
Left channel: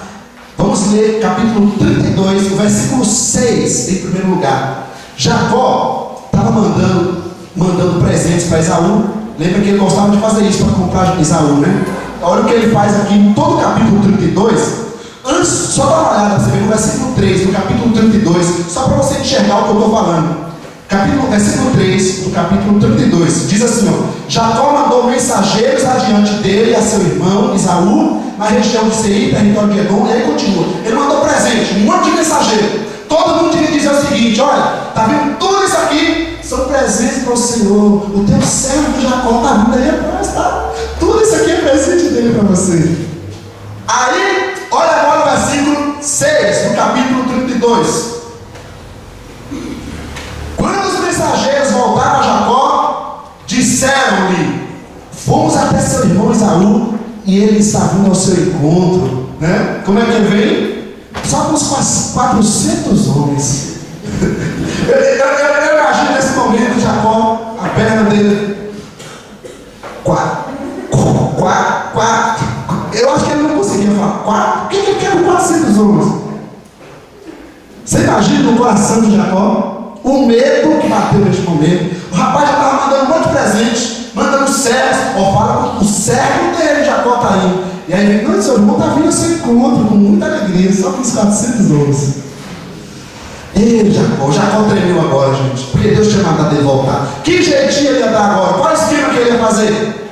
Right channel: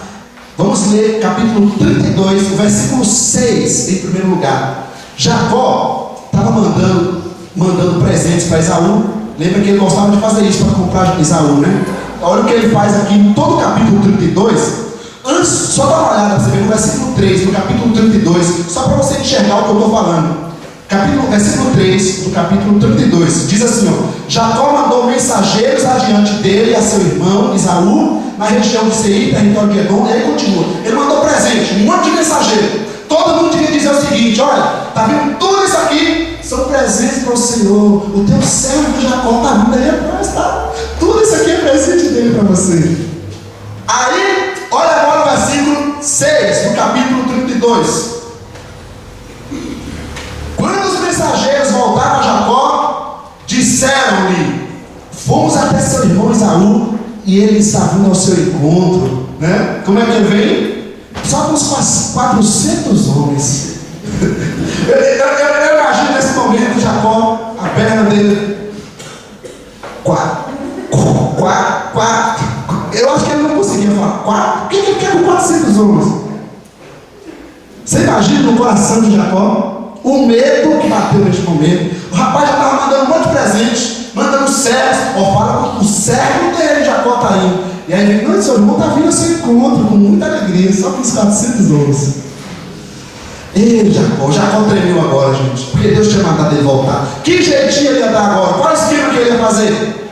Vamos ler capítulo 32, o versículo 6 em primeiro lugar. Jacó estava mandando presentes para Esaú. Lembra que ele gostava de fazer isso para comprar Esaú, né? Olha o que ele faz aqui em todo o capítulo 32. Antes, só dá uma olhada para você ver no versículo 3 do capítulo 32, só para você enxergar o que eu estou falando. Versículo 3 do capítulo 32 diz assim: Jacó mandou mensageiros adiante dele e a seu irmão Esaú, na região de Seir, território de Edom. E aí continua, ele mandou presente, um monte de mensageiro. Todo mundo tinha que dizer o seguinte: olha, está vendo tudo isso aqui? São presentes para o Senhor. O teu servo Jacó está vindo aí atrás, tá? Tudo isso aqui é presente dele para você. Aí, olha agora o versículo 6 do capítulo 32. Quando os mensageiros voltaram a Jacó, disseram-lhe: fomos até seu irmão Esaú, e ele está vindo ao seu encontro, né? Como é que ele vem? Só com os 400 homens. Eu imagino nesse momento Jacó, a perna dele, 4. Eu acho que ele não conseguia falar 4. O que ele quer com 400 homens? Você imagina no coração de Jacó o medo que bateu neste momento. O rapaz já estava mandando um monte de presente, mandando servos. Fala, o servo dele, Jacó está indo. E aí ele, não, seu irmão está vindo ao seu encontro com muita alegria, só com os 400 homens. Ei, Jacó tremeu agora, gente, porque Deus tinha mandado ele voltar. Que jeitinho ele ia dar agora? Qual esquema que ele ia fazer?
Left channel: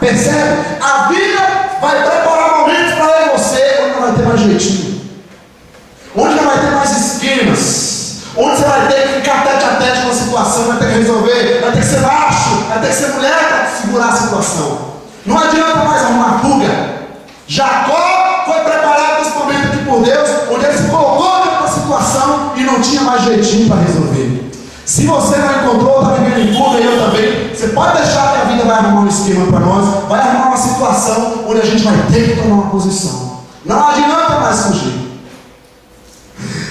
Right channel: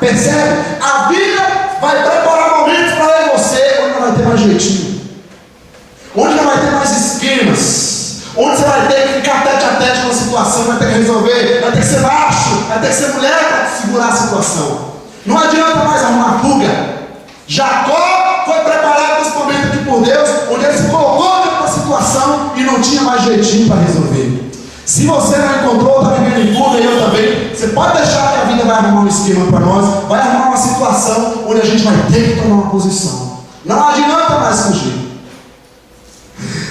Percebe? A vida vai preparar momentos para eu e você onde não vai ter mais jeitinho, onde não vai ter mais esquemas, onde você vai ter que ficar tete a tete com a situação, vai ter que resolver, vai ter que ser macho, vai ter que ser mulher para segurar a situação. Não adianta mais arrumar fuga. Jacó foi preparado nesse momento aqui por Deus, onde ele se colocou dentro da situação e não tinha mais jeitinho para resolver. Se você não encontrou, está vivendo em fuga, e eu também, você pode deixar que a vida vai arrumar um esquema para nós, vai arrumar uma situação onde a gente vai ter que tomar uma posição. Não adianta mais fugir.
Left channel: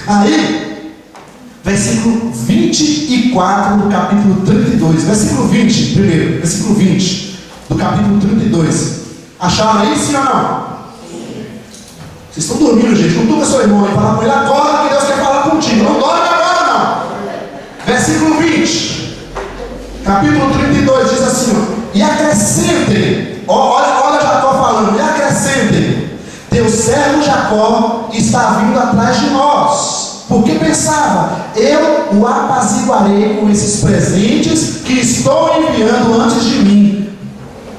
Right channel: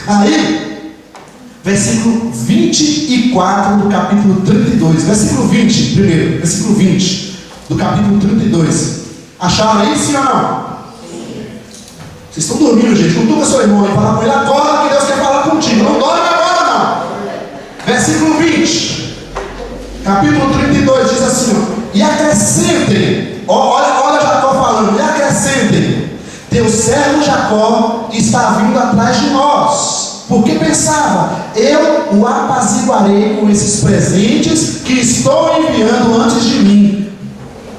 Aí, versículo 24 do capítulo 32, versículo 20, primeiro, versículo 20 do capítulo 32. Acharam aí, sim ou não? Vocês estão dormindo, gente. Não turma seu irmão e fala com ele agora que Deus quer falar contigo. Não dorme agora, não. Versículo 20, capítulo 32 diz assim: ó, e acrescentem, olha Jacó falando, e acrescentem, teu servo Jacó está vindo atrás de nós, porque pensava, eu o apaziguarei com esses presentes que estou enviando antes de mim.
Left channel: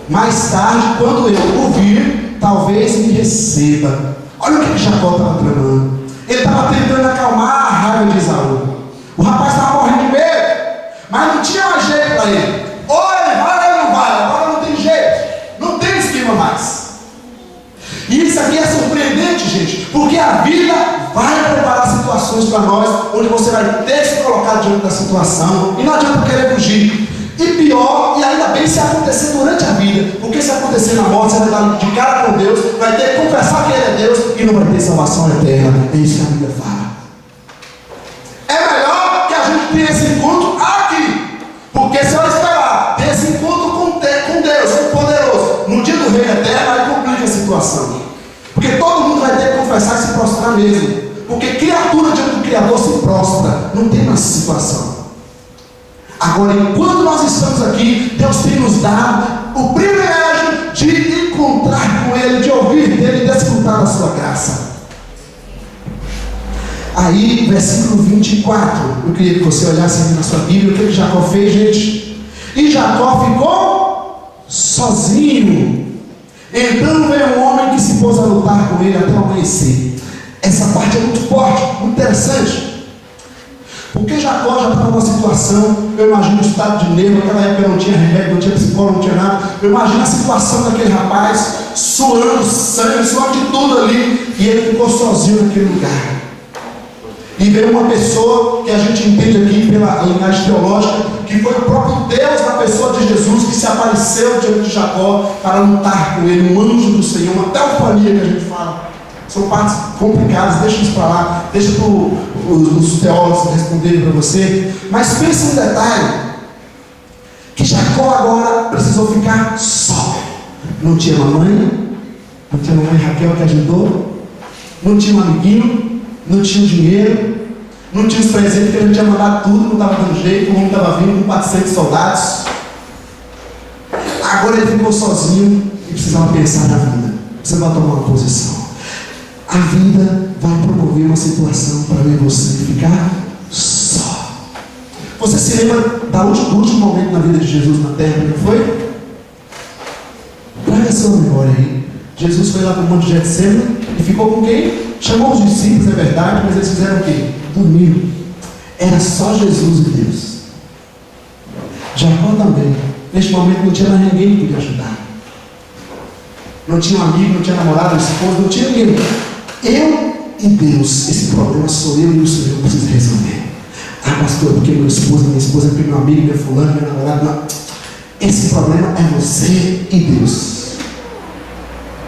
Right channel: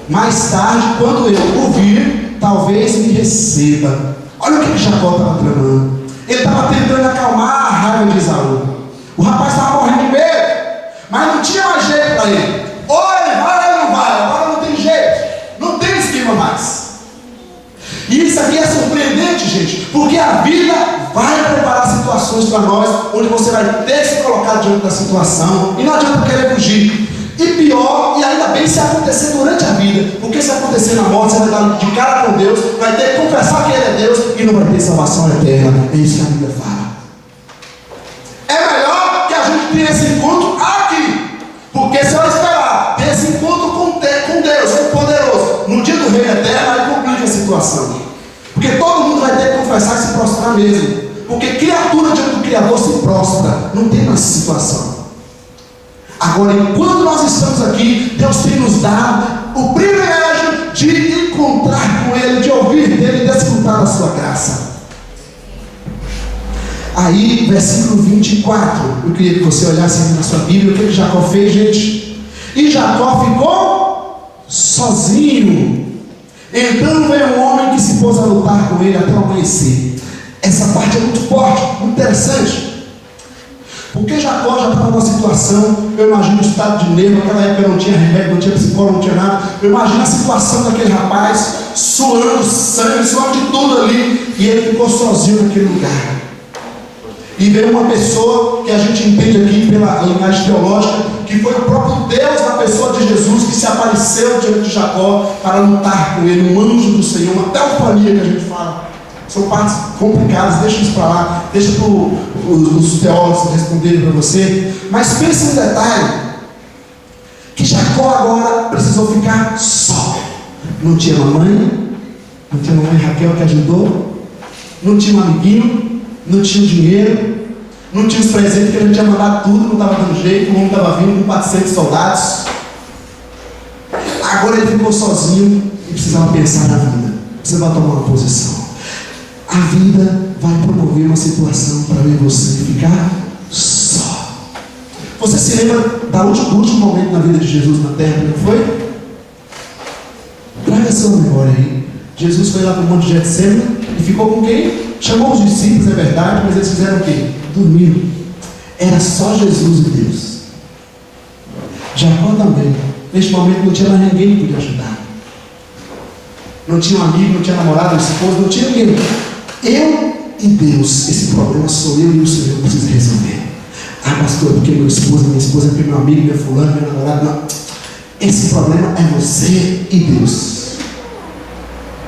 Mais tarde, quando eu o vir, talvez me receba. Olha o que Jacó estava tramando. Ele estava tentando acalmar a raiva de Esaú. O rapaz estava morrendo de medo, mas não tinha mais jeito para ele. Ou ele vai ou não vai, agora não tem jeito, não tem esquema mais. E isso aqui é surpreendente, gente, porque a vida vai preparar situações para nós, onde você vai ter que se colocar diante da situação, e não adianta querer fugir. E pior, e ainda bem se acontecer durante a vida, porque se acontecer na morte, você vai dar de cara com Deus, vai ter que confessar que Ele é Deus, e não vai ter salvação eterna. É isso que a Bíblia fala. É melhor que a gente tenha esse encontro aqui, porque se eu esperar ter esse encontro com Deus, o poderoso, no dia do reino eterno, aí complica a situação, porque todo mundo vai ter que confessar e se prostrar mesmo, porque criatura diante do Criador se prostra, não tem mais situação. Agora, enquanto nós estamos aqui, Deus tem nos dado o privilégio de encontrar com Ele, de ouvir dEle e desfrutar da sua graça. Aí, versículo 24, eu queria que você olhasse aqui na sua Bíblia, o que Jacó fez, gente? E Jacó ficou sozinho. Então veio um homem que se pôs a lutar com ele até o amanhecer. Essa parte é muito forte, muito interessante. Porque Jacó já estava numa situação, eu imagino o estado de nervo, naquela época não tinha remédio, não tinha psicólogo, não tinha nada. Eu imagino a situação daquele rapaz, suando sangue, suando de tudo ali, e ele ficou sozinho naquele lugar. E veio uma pessoa que a gente entende aqui pela linhagem teológica, que foi o próprio Deus na pessoa de Jesus, que se apareceu diante de Jacó para lutar com ele, um anjo do Senhor, uma teofania que a gente fala. São partes complicadas, deixa isso para lá, deixa para os teólogos responderem para você. Mas pense um detalhe, que Jacó agora precisou ficar só. Não tinha mamãe, não tinha mamãe Raquel que ajudou, não tinha um amiguinho, não tinha dinheiro, não tinha os presentes que a gente tinha mandado tudo, não estava dando jeito, o mundo estava vindo com 400 soldados. Agora ele ficou sozinho e precisava pensar na vida, precisava tomar uma posição. A vida vai promover uma situação para ver você ficar só. Você se lembra do último momento na vida de Jesus na terra, não foi? Traga a sua memória aí. Jesus foi lá para o monte de Getsemane e ficou com quem? Chamou os discípulos, é verdade, mas eles fizeram o quê? Dormiram. Era só Jesus e Deus. Jacó também. Neste momento não tinha mais ninguém que podia ajudar. Não tinha um amigo, não tinha namorado, esposa, não tinha ninguém. Eu e Deus, esse problema sou eu e o Senhor precisa resolver. Ah, pastor, porque minha esposa é porque meu amigo, meu fulano, meu namorado, não. Esse problema é você e Deus.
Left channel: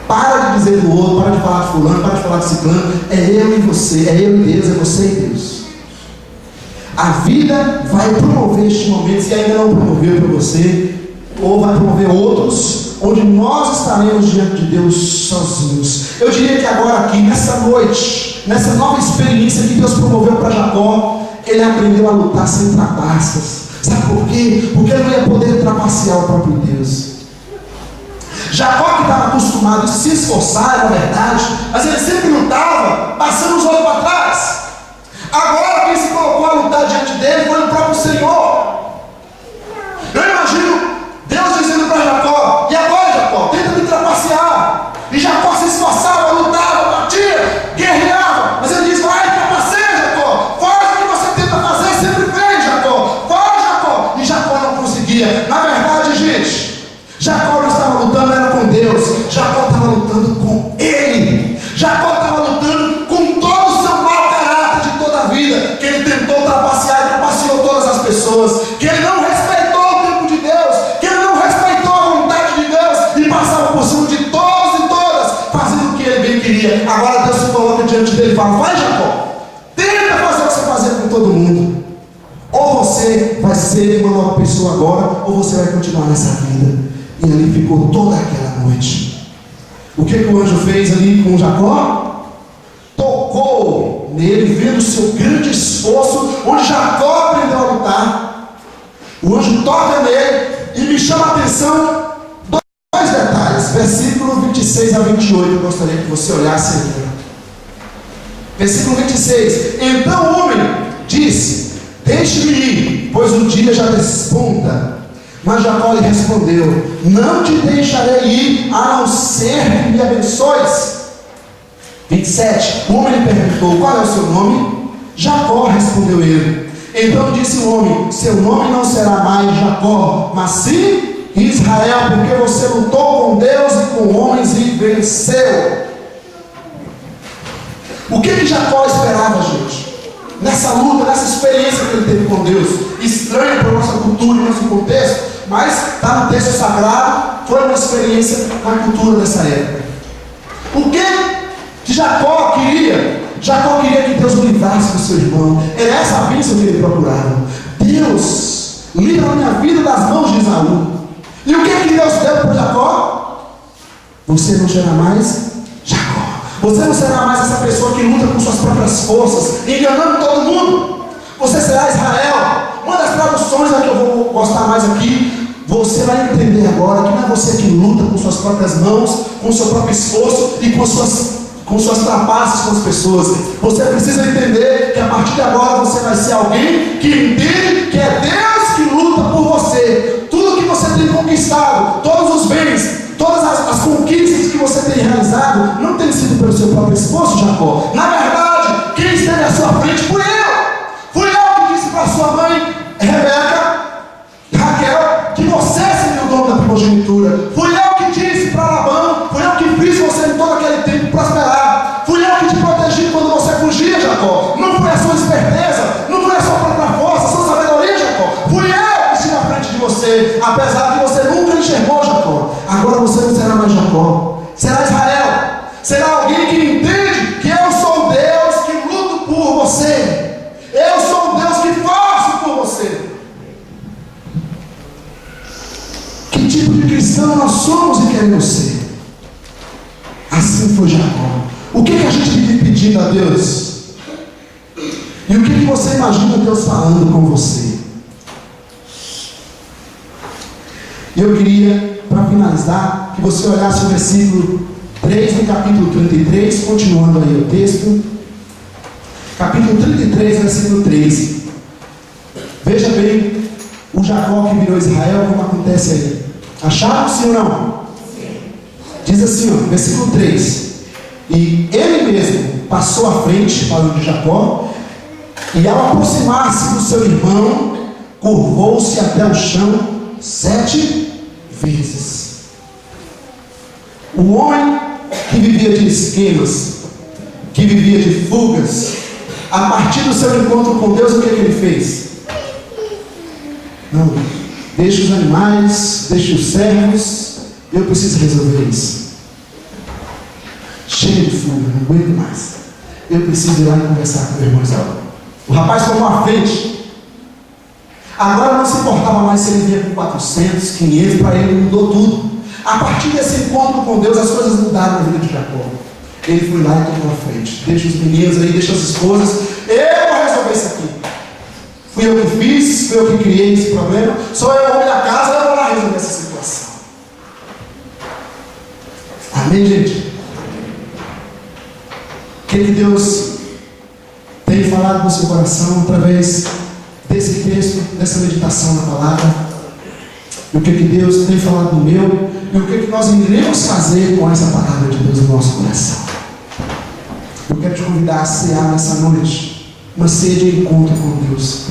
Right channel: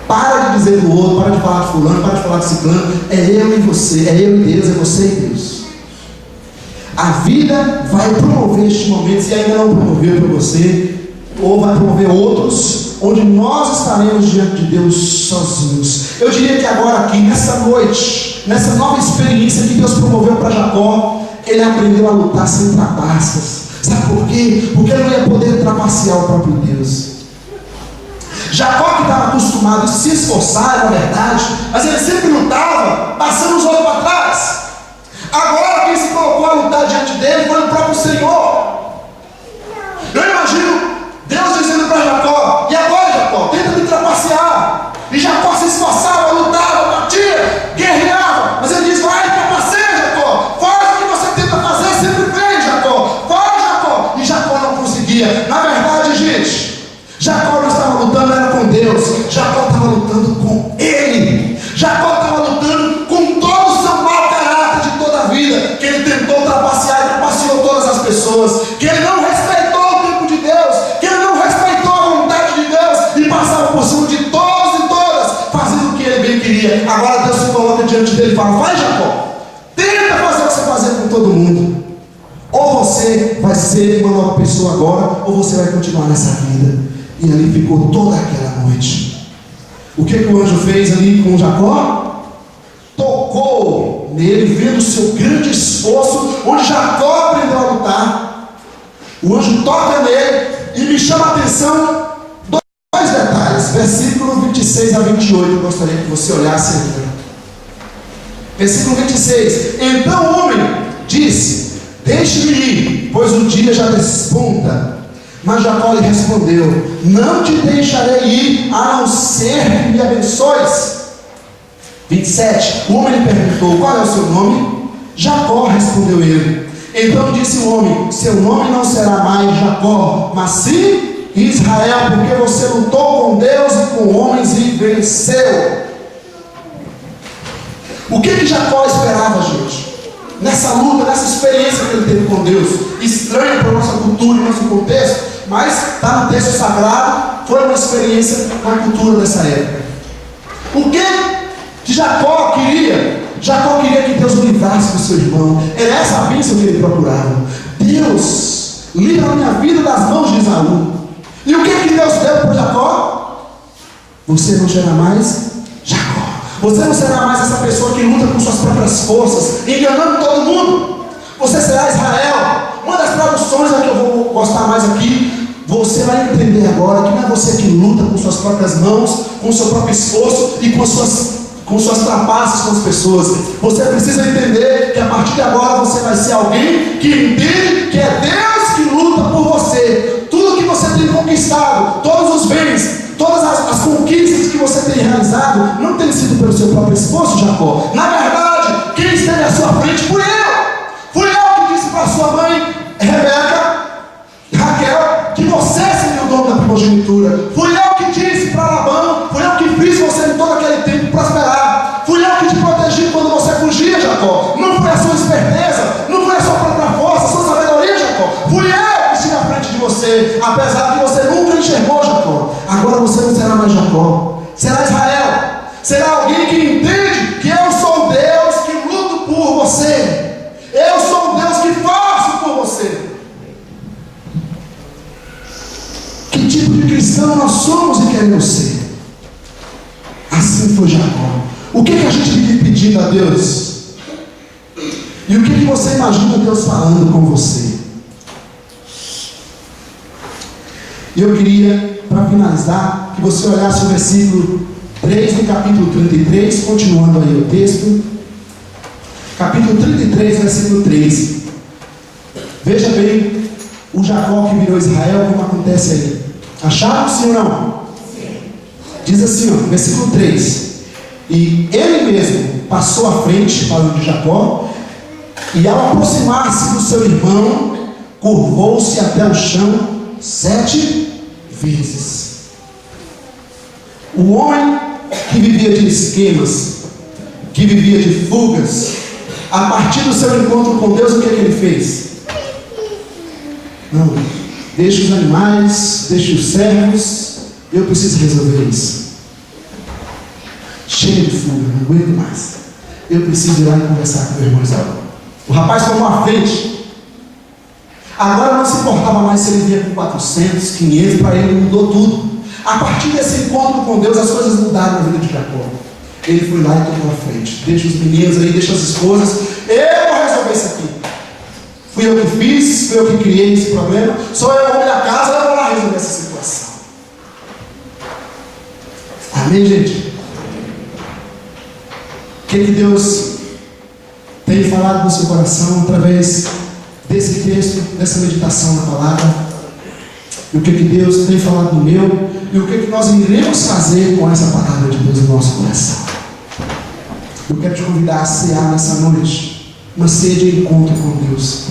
Para de dizer do outro, para de falar de fulano, para de falar de ciclano. É eu e você, é eu e Deus, é você e Deus. A vida vai promover este momento, se ainda não promoveu para você, ou vai promover outros, onde nós estaremos diante de Deus sozinhos. Eu diria que agora aqui, nessa noite, nessa nova experiência que Deus promoveu para Jacó, ele aprendeu a lutar sem trapaças. Sabe por quê? Porque ele não ia poder trapacear o próprio Deus. Jacó, que estava acostumado a se esforçar, na verdade, mas ele sempre lutava, passando os outros para trás. Agora quem se colocou a lutar diante dele foi o próprio Senhor. Eu imagino Deus dizendo para Jacó: e agora, Jacó, tenta me trapacear. E Jacó se esforçava, lutava, batia, guerreava, mas ele diz: vai, trapaceia, Jacó, faz o que você tenta fazer. gente, Jacó não estava lutando era com Deus, Jacó estava lutando com ele. Jacó estava lutando com todo o seu mau caráter de toda a vida, que ele tentou trapacear e trapaceou todas as pessoas, que ele não respeitou o tempo de Deus, que ele não respeitou a vontade de Deus e passava por cima de todos e todas, fazendo o que ele bem queria. Agora Deus se coloca diante dele e fala: vai, Jacó, tenta fazer o que você fazia com todo mundo. Ou você vai ser uma nova pessoa agora, ou você vai continuar nessa vida. E ali ficou toda aquela noite. O que o anjo fez ali com Jacó? Tocou nele, vendo o seu grande esforço, onde Jacó aprendeu a lutar. O anjo toca nele e me chama a atenção dois detalhes. Versículo 26 a 28, eu gostaria que você olhasse aqui. Versículo 26. Então o homem disse: deixe-me ir, pois o dia já despunta. Mas Jacó lhe respondeu: não te deixarei ir, a não ser que me abençoes. 27. O homem lhe perguntou: qual é o seu nome? Jacó, respondeu ele. Então disse o homem: seu nome não será mais Jacó, mas sim Israel, porque você lutou com Deus e com homens e venceu. O que Jacó esperava, gente? Nessa luta, nessa experiência que ele teve com Deus, estranha para a nossa cultura e nosso contexto, mas está no texto sagrado, foi uma experiência com a cultura dessa época. O que Jacó queria? Jacó queria que Deus o livrasse do seu irmão. Era essa a bênção que ele procurava. Deus, livra a minha vida das mãos de Esaú. E o que Deus deu para Jacó? Você não será mais Jacó. Você não será mais essa pessoa que luta com suas próprias forças, enganando todo mundo. Você será Israel. Uma das traduções que eu vou gostar mais aqui, você vai entender agora que não é você que luta com suas próprias mãos, com o seu próprio esforço e com suas trapaças com as pessoas. Você precisa entender que a partir de agora você vai ser alguém que entende que é Deus que luta por você. Tudo que você tem conquistado, todos os bens, todas as conquistas que você tem realizado, não tem sido pelo seu próprio esforço, Jacó. Na verdade, quem esteve à sua frente fui eu. Fui eu que disse para sua mãe, Rebeca, Raquel, que você seria o dono da primogenitura. Fui eu que disse para Labão, fui eu que fiz você em todo aquele tempo prosperar. Fui eu que te protegi quando você fugia, Jacó. Não foi a sua esperteza, não foi a sua própria força, a sua sabedoria, Jacó. Fui eu que estive à frente de você, apesar de você nunca enxergou, Jacó. Agora você não será mais Jacó, será Israel. Será alguém que entende que eu sou o Deus que luto por você. Eu sou o Deus que faço por você. Que tipo de cristão nós somos e queremos ser? Assim foi Jacó. O que a gente vive pedindo a Deus? E o que você imagina Deus falando com você? E eu queria, para finalizar, que você olhasse o versículo 3 do capítulo 33, continuando aí o texto. Capítulo 33, versículo 3. Veja bem o Jacó que virou Israel, como acontece aí. Acharam sim ou não? Sim. Diz assim, ó, versículo 3. E ele mesmo passou à frente, falando de Jacó, e ao aproximar-se do seu irmão, curvou-se até o chão 7 vezes. O homem que vivia de esquemas, que vivia de fugas, a partir do seu encontro com Deus, o que ele fez? Não, deixa os animais, deixa os servos, eu preciso resolver isso. Cheio de fuga, não aguento mais. Eu preciso ir lá e conversar com o meu irmão Esaú. O rapaz tomou a frente. Agora não se importava mais se ele vinha com 400, 500, para ele mudou tudo. A partir desse encontro com Deus, as coisas mudaram na vida de Jacó. Ele foi lá e tomou a frente. Deixa os meninos aí, deixa as esposas. Eu vou resolver isso aqui. Fui eu que fiz, fui eu que criei esse problema. Sou eu o homem da casa, eu vou lá resolver essa situação. Amém, gente? O que Deus tem falado no seu coração através desse texto, dessa meditação na palavra? E o que Deus tem falado no meu? E o que nós iremos fazer com essa palavra de Deus no nosso coração? Eu quero te convidar a cear nessa noite, uma ceia de encontro com Deus.